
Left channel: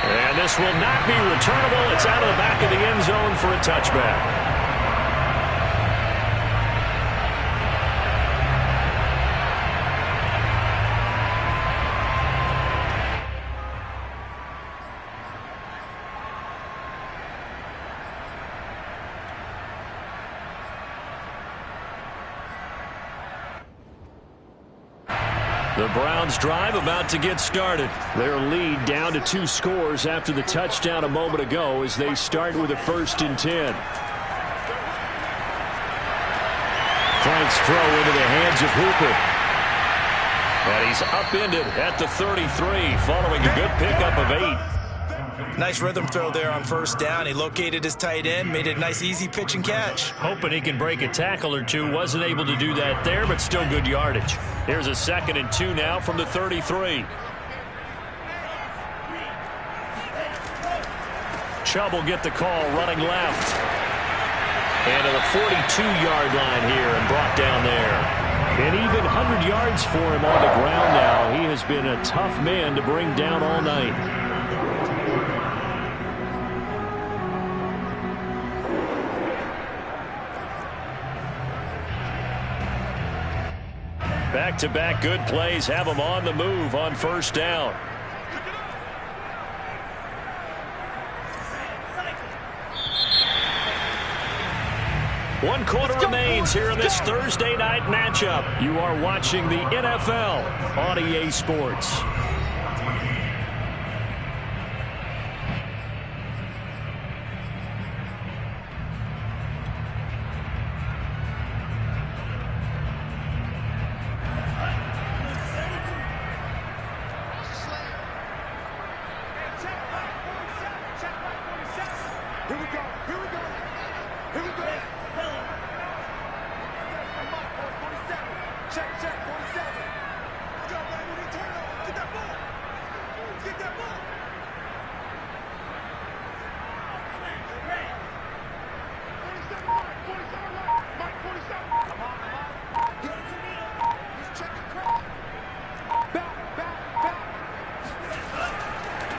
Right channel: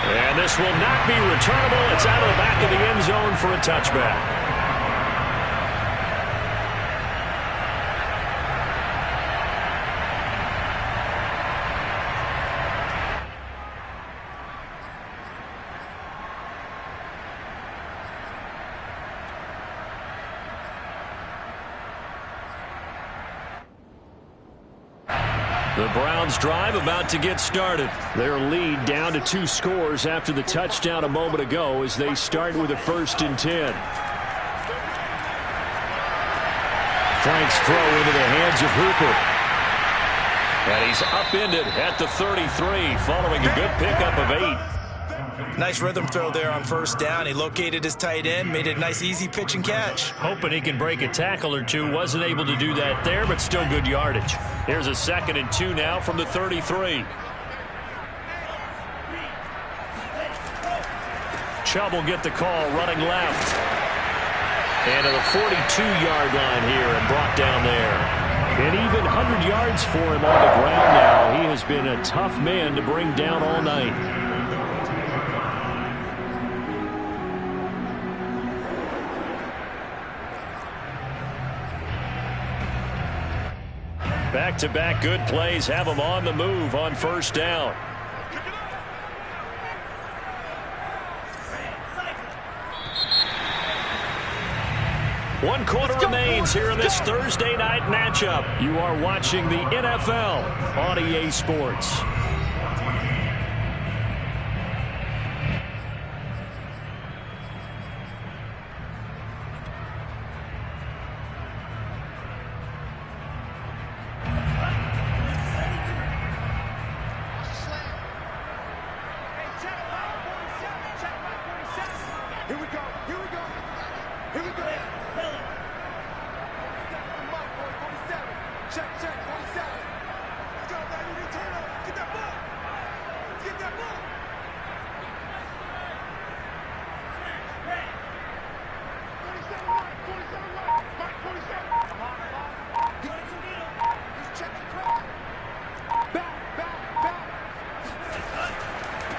And this will not be returnable. It's out of the back of the end zone for a touchback. The Browns drive about to get started. Their lead down to 2 scores after the touchdown a moment ago as they start with a 1st and 10. Frank's throw into the hands of Hooper. And he's upended at the 33 following a good pickup of 8. Nice rhythm throw there on 1st down. He located his tight end, made it a nice easy pitch and catch. Hoping he can break a tackle or two. Wasn't able to do that there, but still good yardage. Here's a 2nd and 2 now from the 33. Chubb will get the call running left. And to the 42-yard line here and brought down there. And even 100 yards for him on the ground now. He has been a tough man to bring down all night. Back-to-back good plays have him on the move on 1st down. One quarter remains here in this Thursday night matchup. You are watching the NFL on EA Sports.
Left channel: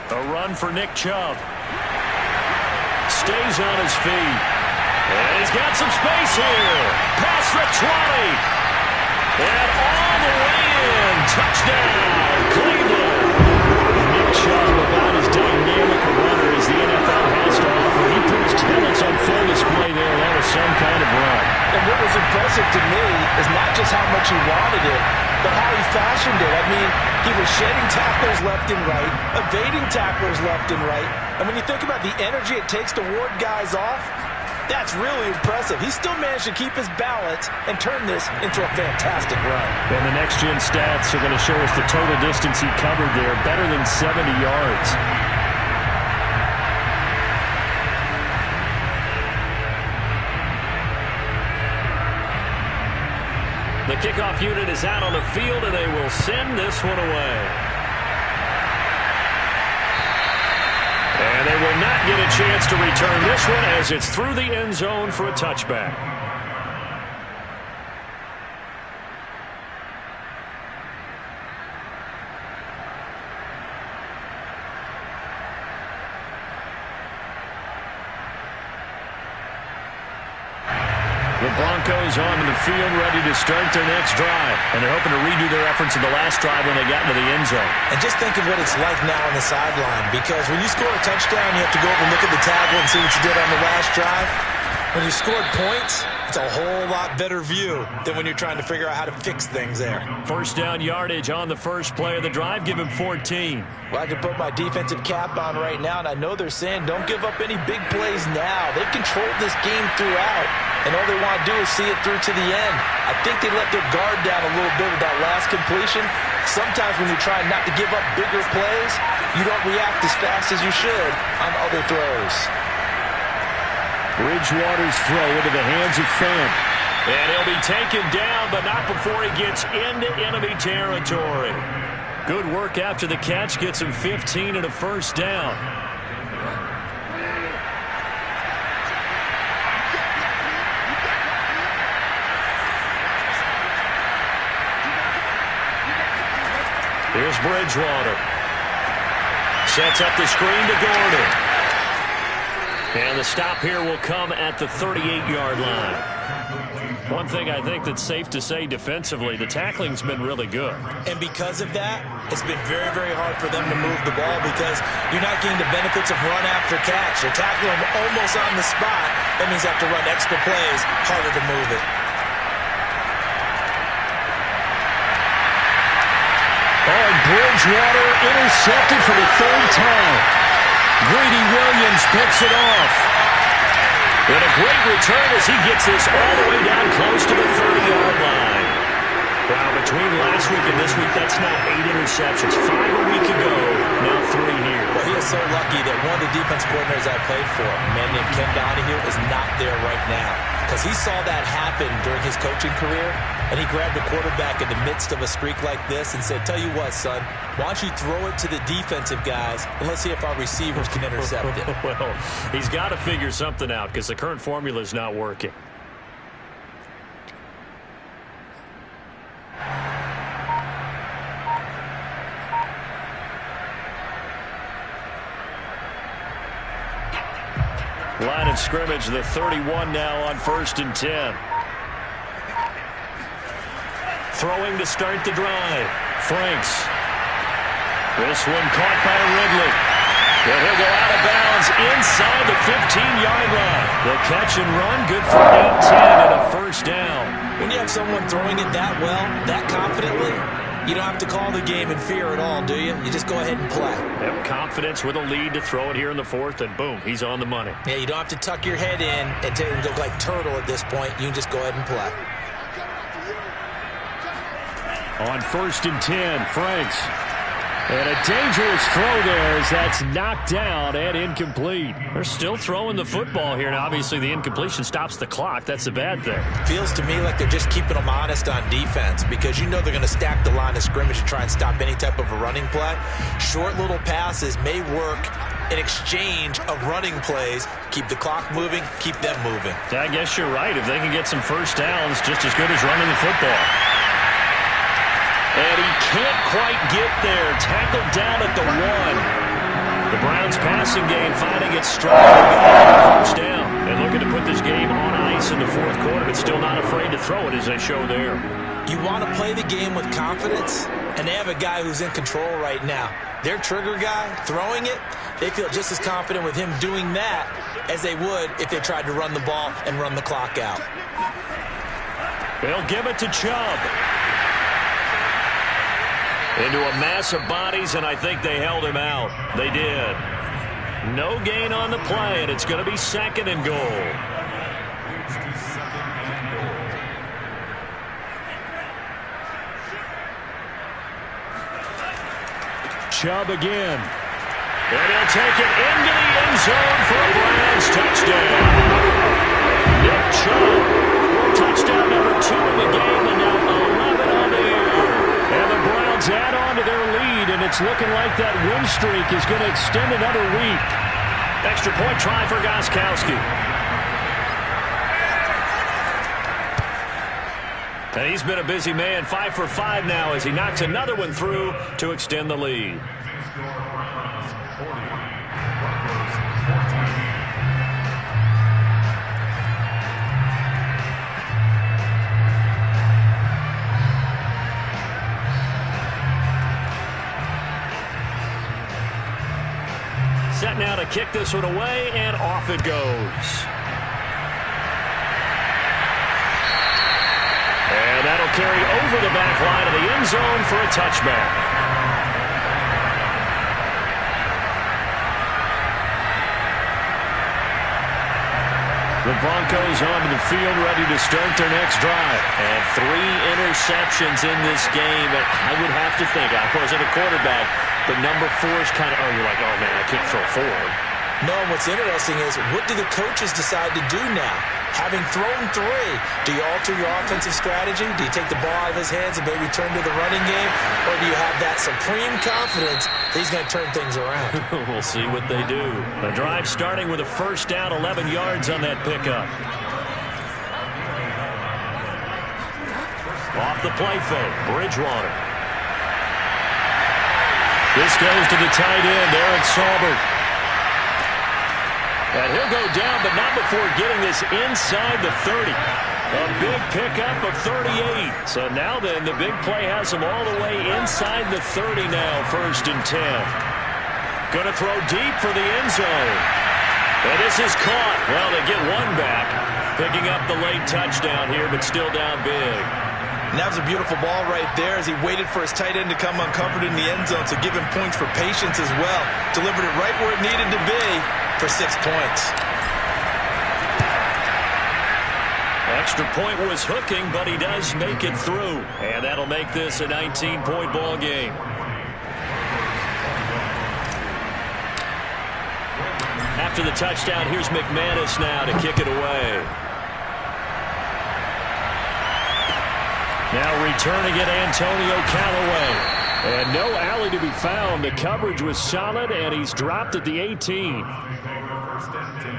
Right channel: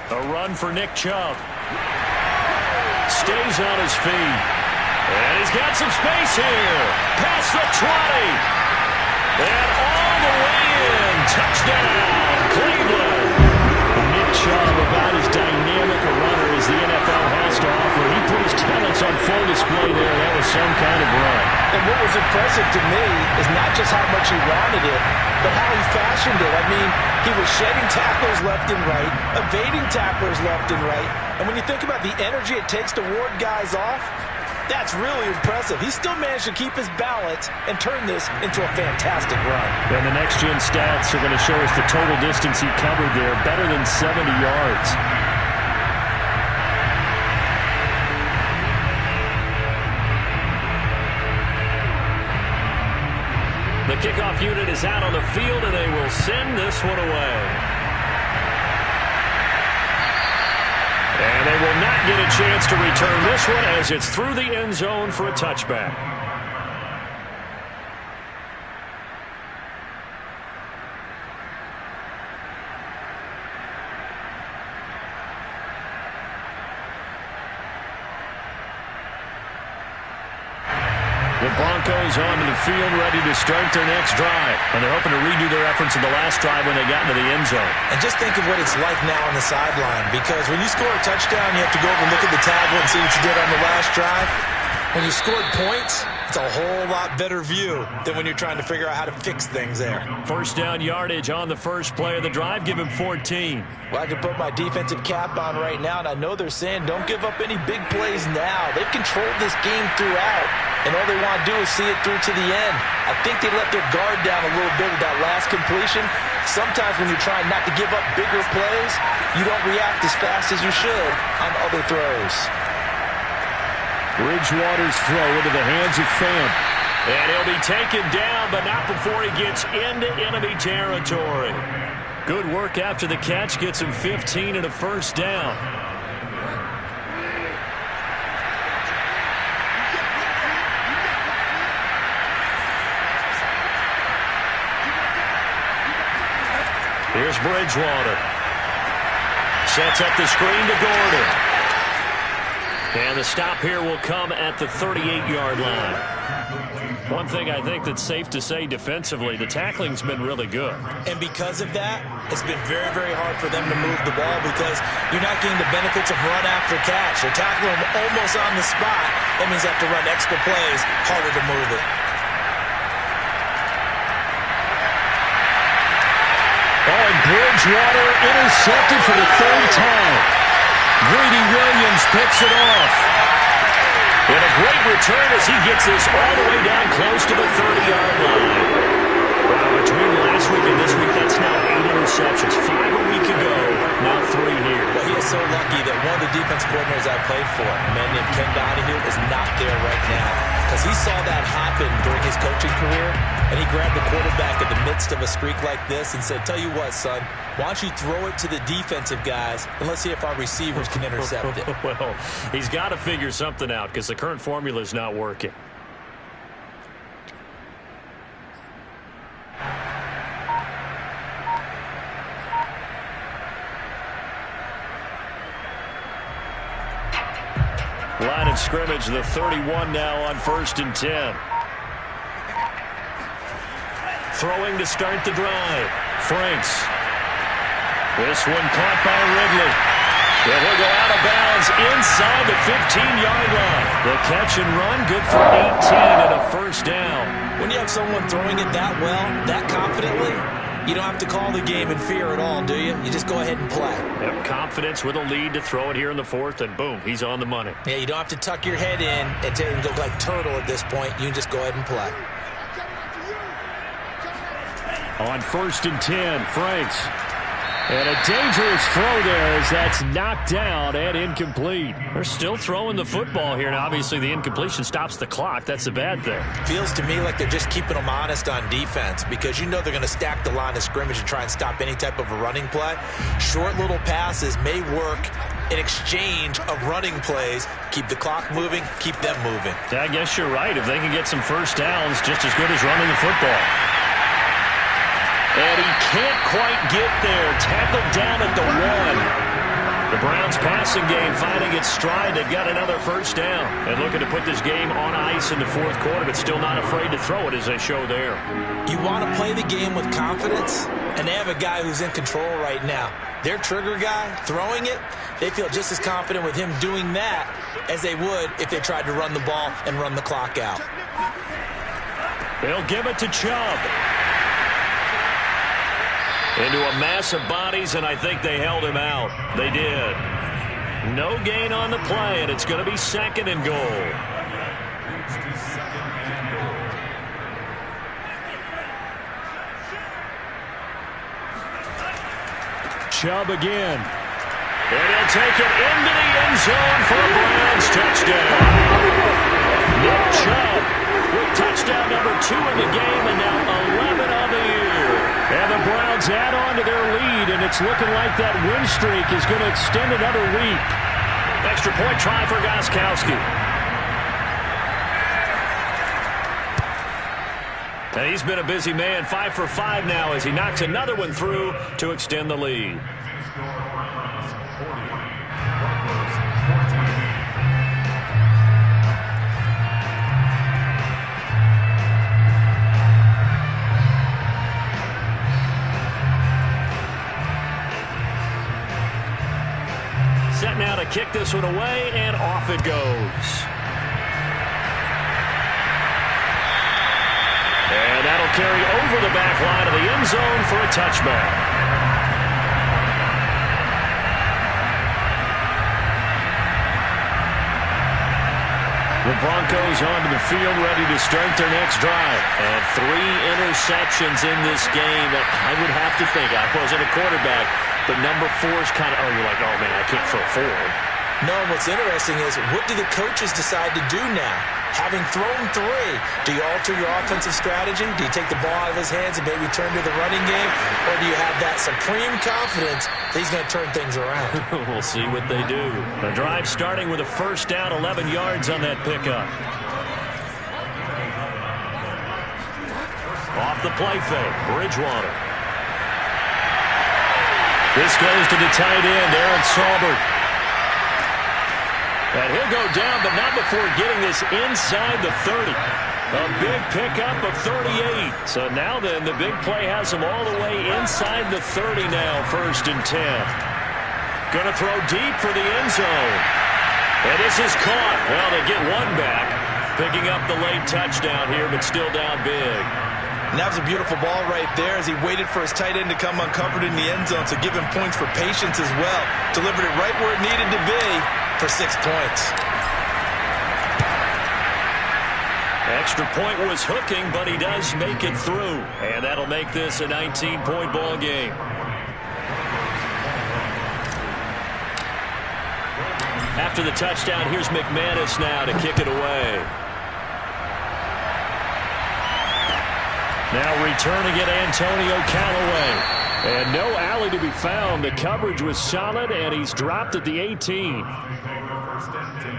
A run for Nick Chubb. Stays on his feet. And he's got some space here. Past the 20. And all the way in. Touchdown, Cleveland. Nick Chubb, about as dynamic a runner as the NFL has to offer. He put his talents on full display there. That was some kind of run. And what was impressive to me is not just how much he wanted it, but how he fashioned it. I mean, he was shedding tacklers left and right, evading tacklers left and right. And when you think about the energy it takes to ward guys off, that's really impressive. He still managed to keep his balance and turn this into a fantastic run. And the next-gen stats are going to show us the total distance he covered there, better than 70 yards. The kickoff unit is out on the field, and they will send this one away. And they will not get a chance to return this one as it's through the end zone for a touchback. The Broncos onto the field, ready to start their next drive. And they're hoping to redo their efforts in the last drive when they got into the end zone. And just think of what it's like now on the sideline, because when you score a touchdown, you have to go over and look at the tablet and see what you did on the last drive. When you scored points, it's a whole lot better view than when you're trying to figure out how to fix things there. First down yardage on the first play of the drive. Give him 14. Well, I can put my defensive cap on right now, and I know they're saying don't give up any big plays now. They've controlled this game throughout, and all they want to do is see it through to the end. I think they let their guard down a little bit with that last completion. Sometimes when you're trying not to give up bigger plays, you don't react as fast as you should on other throws. Bridgewater's throw into the hands of Fant. And he'll be taken down, but not before he gets into enemy territory. Good work after the catch. Gets him 15 and a first down. Here's Bridgewater. Sets up the screen to Gordon. And the stop here will come at the 38-yard line. One thing I think that's safe to say defensively, the tackling's been really good. And because of that, it's been very, very hard for them to move the ball because you're not getting the benefits of run after catch. They're tackling them almost on the spot. That means they have to run extra plays, harder to move it. Oh, and Bridgewater intercepted for the third time. Greedy Williams picks it off. And a great return as he gets this all the way down close to the 30-yard line. Wow, between last week and this week, that's now 8 interceptions. 5 a week ago, now 3 here. Well, he is so lucky that one of the defense coordinators I played for, a man named Ken Donahue, is not there right now. Because he saw that happen during his coaching career, and he grabbed the quarterback in the midst of a streak like this and said, tell you what, son, why don't you throw it to the defensive guys, and let's see if our receivers can intercept it. Well, he's got to figure something out because the current formula is not working. Line of scrimmage, the 31 now on 1st and 10. Throwing to start the drive. Franks. This one caught by Ridley. And he'll go out of bounds inside the 15-yard line. The catch and run, good for 18 and a first down. When you have someone throwing it that well, that confidently, you don't have to call the game in fear at all, do you? You just go ahead and play. Yep, confidence with a lead to throw it here in the 4th, and boom, he's on the money. Yeah, you don't have to tuck your head in and look like turtle at this point. You can just go ahead and play. On 1st and 10, Franks. And a dangerous throw there as that's knocked down and incomplete. They're still throwing the football here, and obviously the incompletion stops the clock. That's a bad thing. Feels to me like they're just keeping them honest on defense because you know they're going to stack the line of scrimmage and try and stop any type of a running play. Short little passes may work in exchange of running plays. Keep the clock moving, keep them moving. I guess you're right. If they can get some first downs, just as good as running the football. And he can't quite get there. Tackled down at the 1. The Browns passing game finding its stride. They've got another first down. And looking to put this game on ice in the 4th quarter, but still not afraid to throw it as they show there. You want to play the game with confidence, and they have a guy who's in control right now. Their trigger guy throwing it, they feel just as confident with him doing that as they would if they tried to run the ball and run the clock out. They'll give it to Chubb. Into a mass of bodies, and I think they held him out. They did. No gain on the play, and it's going to be 2nd and goal. Chubb again. And he'll take it into the end zone for a Browns touchdown. Nick Chubb with touchdown number 2 in the game, and now and it's looking like that win streak is going to extend another week. Extra point try for Gostkowski. And he's been a busy man, 5 for 5 now as he knocks another one through to extend the lead. Set now to kick this one away, and off it goes. And that'll carry over the back line of the end zone for a touchback. The Broncos onto the field, ready to start their next drive. And 3 interceptions in this game. I would have to think, I wasn't a quarterback, but number 4 is kind of, you're like, oh, man, I can't throw 4. No, what's interesting is, what do the coaches decide to do now? Having thrown 3, do you alter your offensive strategy? Do you take the ball out of his hands and maybe turn to the running game? Or do you have that supreme confidence that he's going to turn things around? We'll see what they do. The drive starting with a first down, 11 yards on that pickup. Off the play fake, Bridgewater. This goes to the tight end, Aaron Saubert. And he'll go down, but not before getting this inside the 30. A big pickup of 38. So now then, the big play has him all the way inside the 30 now, 1st and 10. Going to throw deep for the end zone. And this is caught. Well, they get one back, picking up the late touchdown here, but still down big. And that was a beautiful ball right there as he waited for his tight end to come uncovered in the end zone, so give him points for patience as well. Delivered it right where it needed to be for 6 points. Extra point was hooking, but he does make it through. And that'll make this a 19-point ball game. After the touchdown, here's McManus now to kick it away. Now returning it, Antonio Callaway. And no alley to be found. The coverage was solid, and he's dropped at the 18. First and 10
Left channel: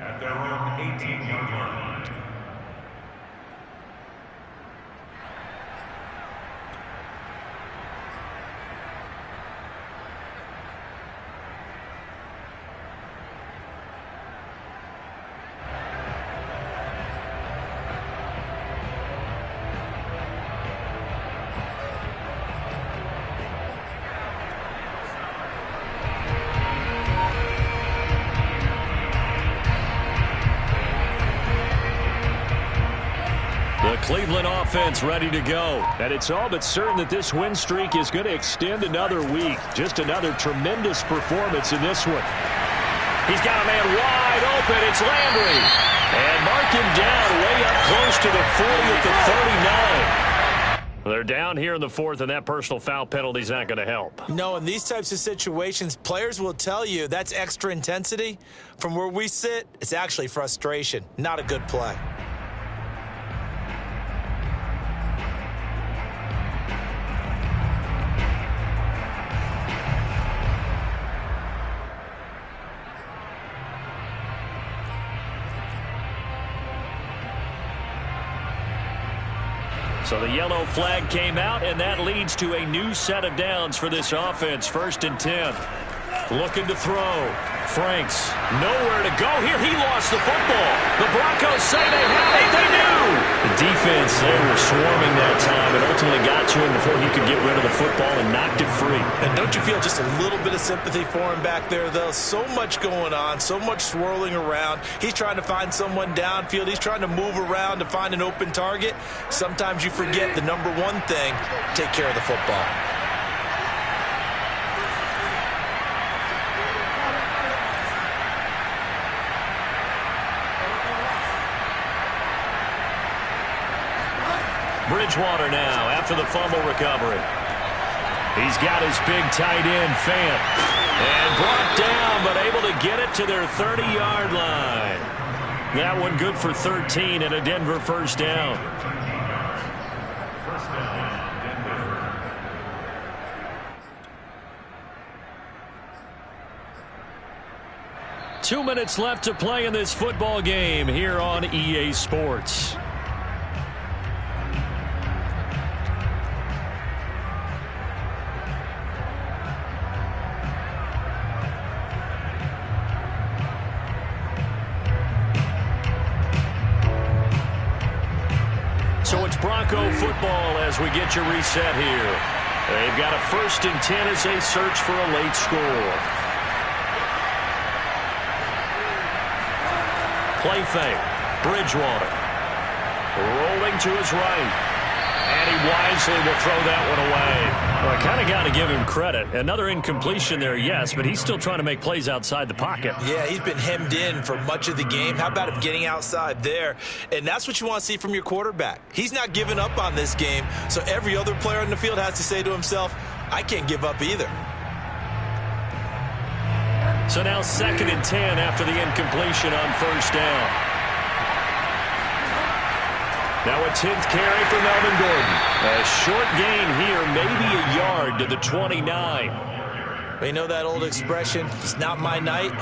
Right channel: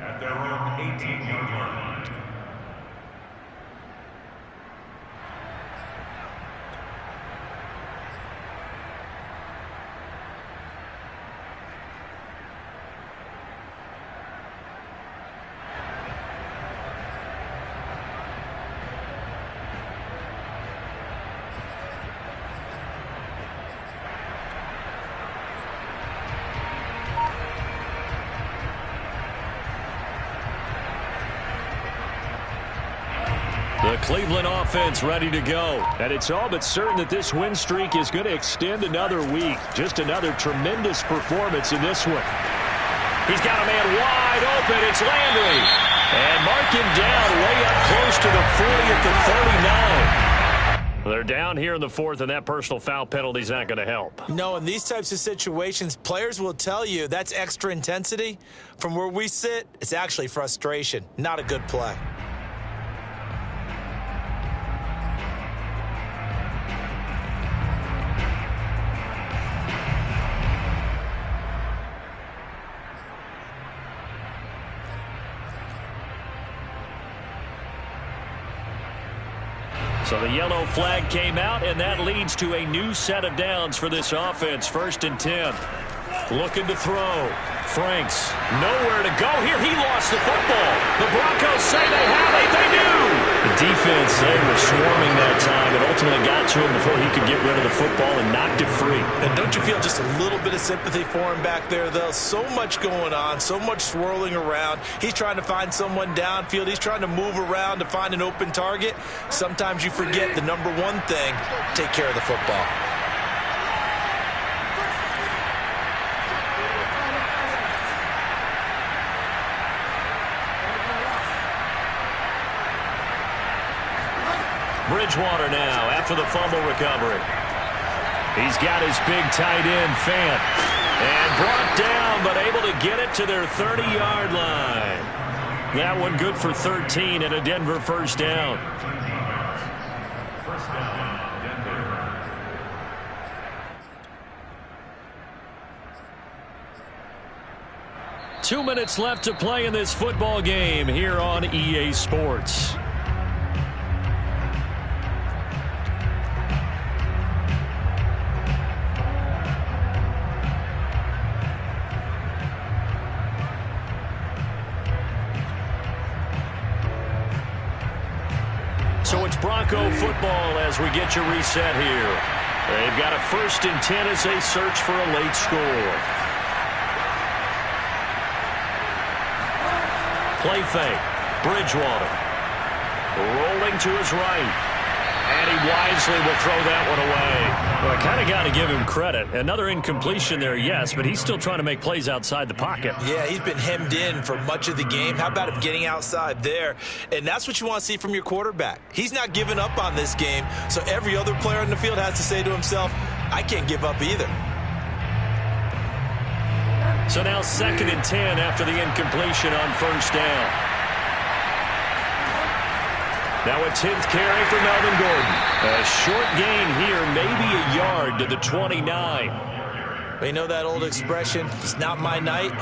at their own 18-yard line. The Cleveland offense ready to go. And it's all but certain that this win streak is going to extend another week. Just another tremendous performance in this one. He's got a man wide open. It's Landry. And mark him down way up close to the 40 at the 39. They're down here in the 4th, and that personal foul penalty is not going to help. No, in these types of situations, players will tell you that's extra intensity. From where we sit, it's actually frustration. Not a good play. So the yellow flag came out, and that leads to a new set of downs for this offense. 1st and 10. Looking to throw. Franks, nowhere to go here. He lost the football. The Broncos say they have it. They do. The defense, they were swarming that time and ultimately got to him before he could get rid of the football and knocked it free. And don't you feel just a little bit of sympathy for him back there, though? So much going on, so much swirling around. He's trying to find someone downfield. He's trying to move around to find an open target. Sometimes you forget the number one thing, take care of the football. Bridgewater now after the fumble recovery. He's got his big tight end, Fant. And brought down, but able to get it to their 30-yard line. That one good for 13 and a Denver first down. First down, Denver. 2 minutes left to play in this football game here on EA Sports. So it's Bronco football as we get you reset here. They've got a 1st and 10 as they search for a late score. Play fake. Bridgewater. Rolling to his right. And he wisely will throw that one away. Well, I kind of got to give him credit. Another incompletion there, yes, but he's still trying to make plays outside the pocket. Yeah, he's been hemmed in for much of the game. How about him getting outside there? And that's what you want to see from your quarterback. He's not giving up on this game, so every other player on the field has to say to himself, I can't give up either. So now 2nd and 10 after the incompletion on 1st down. Now a 10th carry for Melvin Gordon. A short gain here, maybe a yard to the 29. We know that old expression, it's not my night.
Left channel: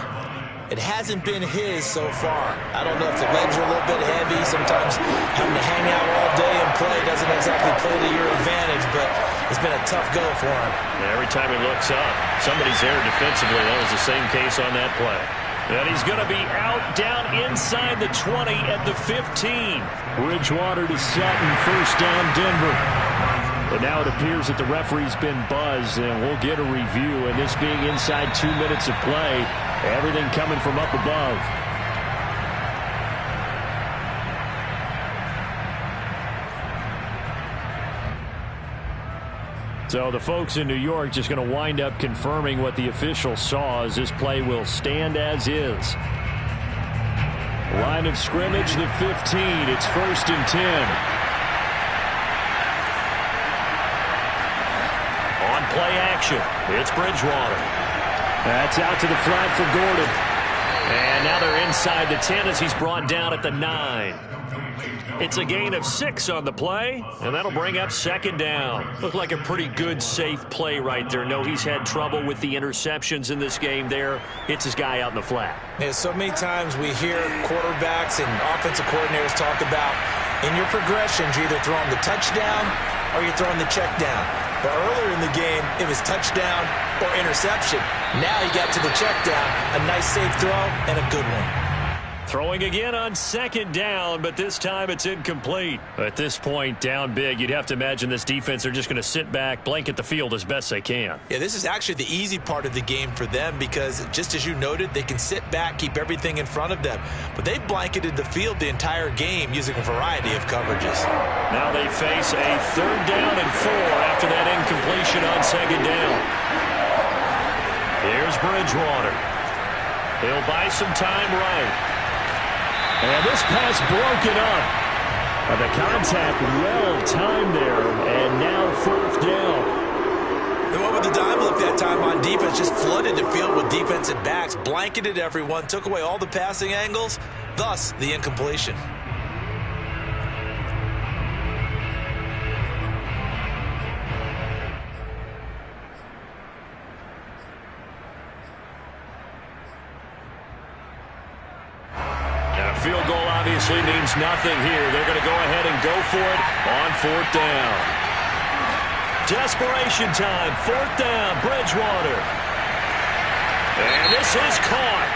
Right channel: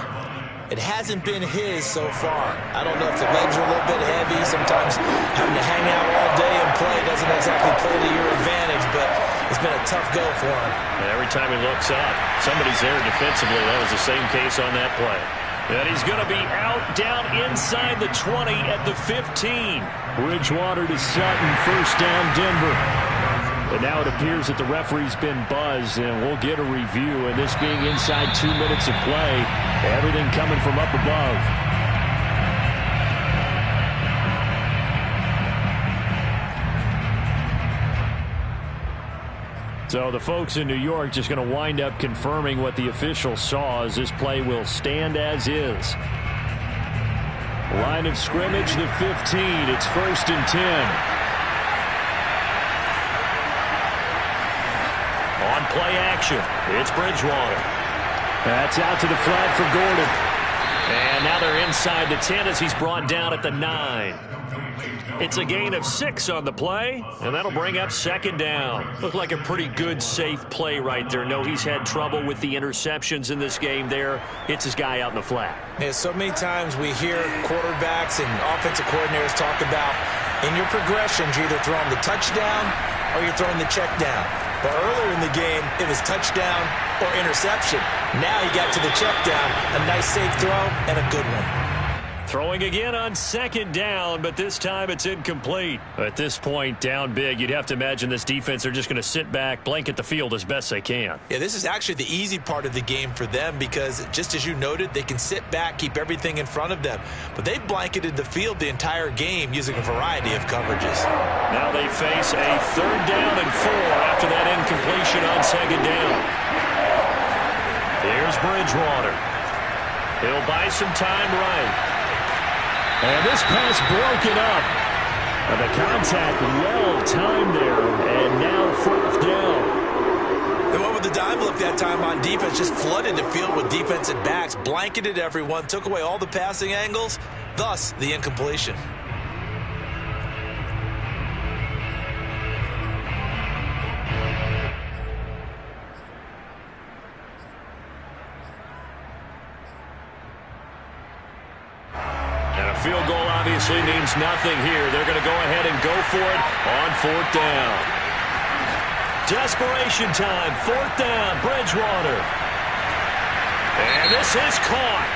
It hasn't been his so far. I don't know if the legs are a little bit heavy. Sometimes having to hang out all day and play doesn't exactly play to your advantage, but it's been a tough go for him. Every time he looks up, somebody's there defensively. That was the same case on that play. And he's going to be out down inside the 20 at the 15. Bridgewater to Sutton, 1st down Denver. And now it appears that the referee's been buzzed, and we'll get a review. And this being inside 2 minutes of play, everything coming from up above. So the folks in New York just going to wind up confirming what the official saw, as this play will stand as is. Line of scrimmage, the 15. It's 1st and 10. On play action, it's Bridgewater. That's out to the flat for Gordon. And now they're inside the 10 as he's brought down at the 9. It's a gain of 6 on the play, and that'll bring up 2nd down. Looked like a pretty good, safe play right there. No, he's had trouble with the interceptions in this game there. Hits his guy out in the flat. Yeah, so many times we hear quarterbacks and offensive coordinators talk about in your progressions, you're either throwing the touchdown or you're throwing the check down. But earlier in the game, it was touchdown or interception. Now he got to the check down, a nice safe throw, and a good one. Throwing again on 2nd down, but this time it's incomplete. At this point, down big, you'd have to imagine this defense are just going to sit back, blanket the field as best they can. Yeah, this is actually the easy part of the game for them because, just as you noted, they can sit back, keep everything in front of them. But they blanketed the field the entire game using a variety of coverages. Now they face a 3rd down and 4 after that incompletion on 2nd down. Here's Bridgewater. He'll buy some time right. And this pass broken up. The contact well timed there, and now 4th down. And what with the dime look that time on defense, just flooded the field with defensive backs, blanketed everyone, took away all the passing angles, thus the incompletion. Field goal obviously means nothing here. They're going to go ahead and go for it on 4th down. Desperation time. 4th down. Bridgewater. And this is caught.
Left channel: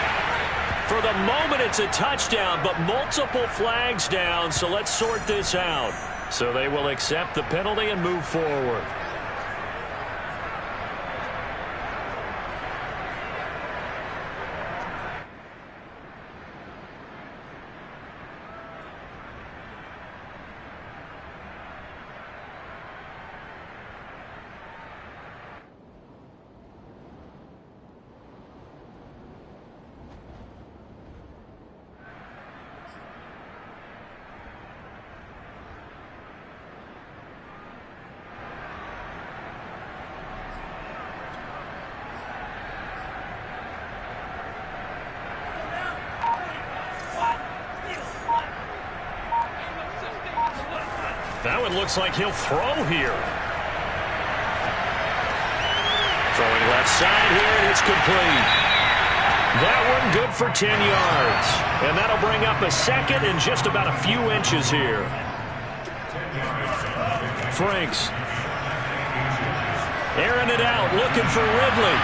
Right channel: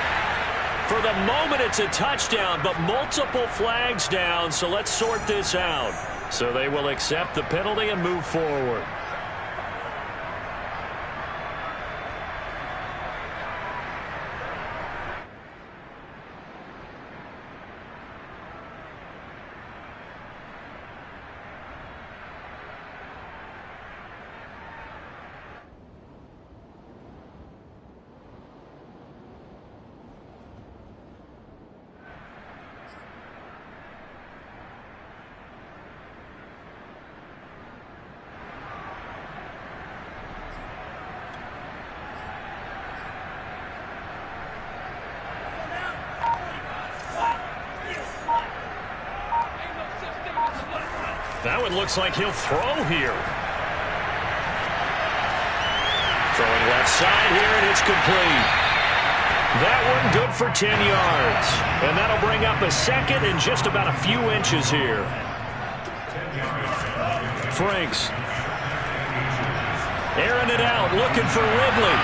For the moment, it's a touchdown, but multiple flags down, so let's sort this out. So they will accept the penalty and move forward. That one looks like he'll throw here. Throwing left side here, and it's complete. That one good for 10 yards. And that'll bring up a second and just about a few inches here. Franks. Airing it out, looking for Ridley.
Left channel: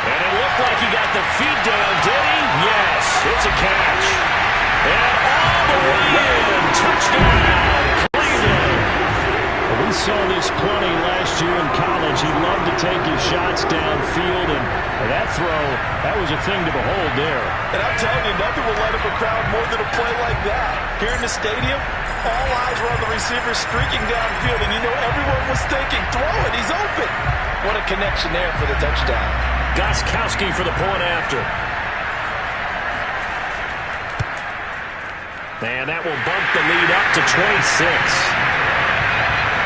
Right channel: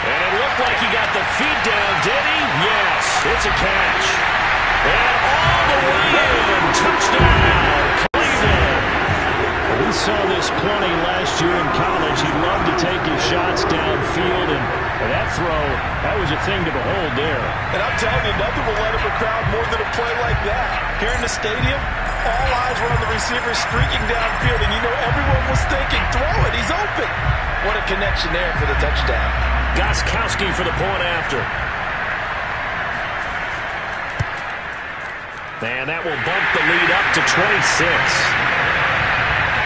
And it looked like he got the feet down, did he? Yes, it's a catch. And all the way in. Touchdown, Cleveland. We saw this plenty last year in college. He loved to take his shots downfield, and that throw, that was a thing to behold there. And I'm telling you, nothing will light up a crowd more than a play like that. Here in the stadium, all eyes were on the receiver streaking downfield, and you know everyone was thinking, throw it, he's open. What a connection there for the touchdown. Gostkowski for the point after. And that will bump the lead up to 26.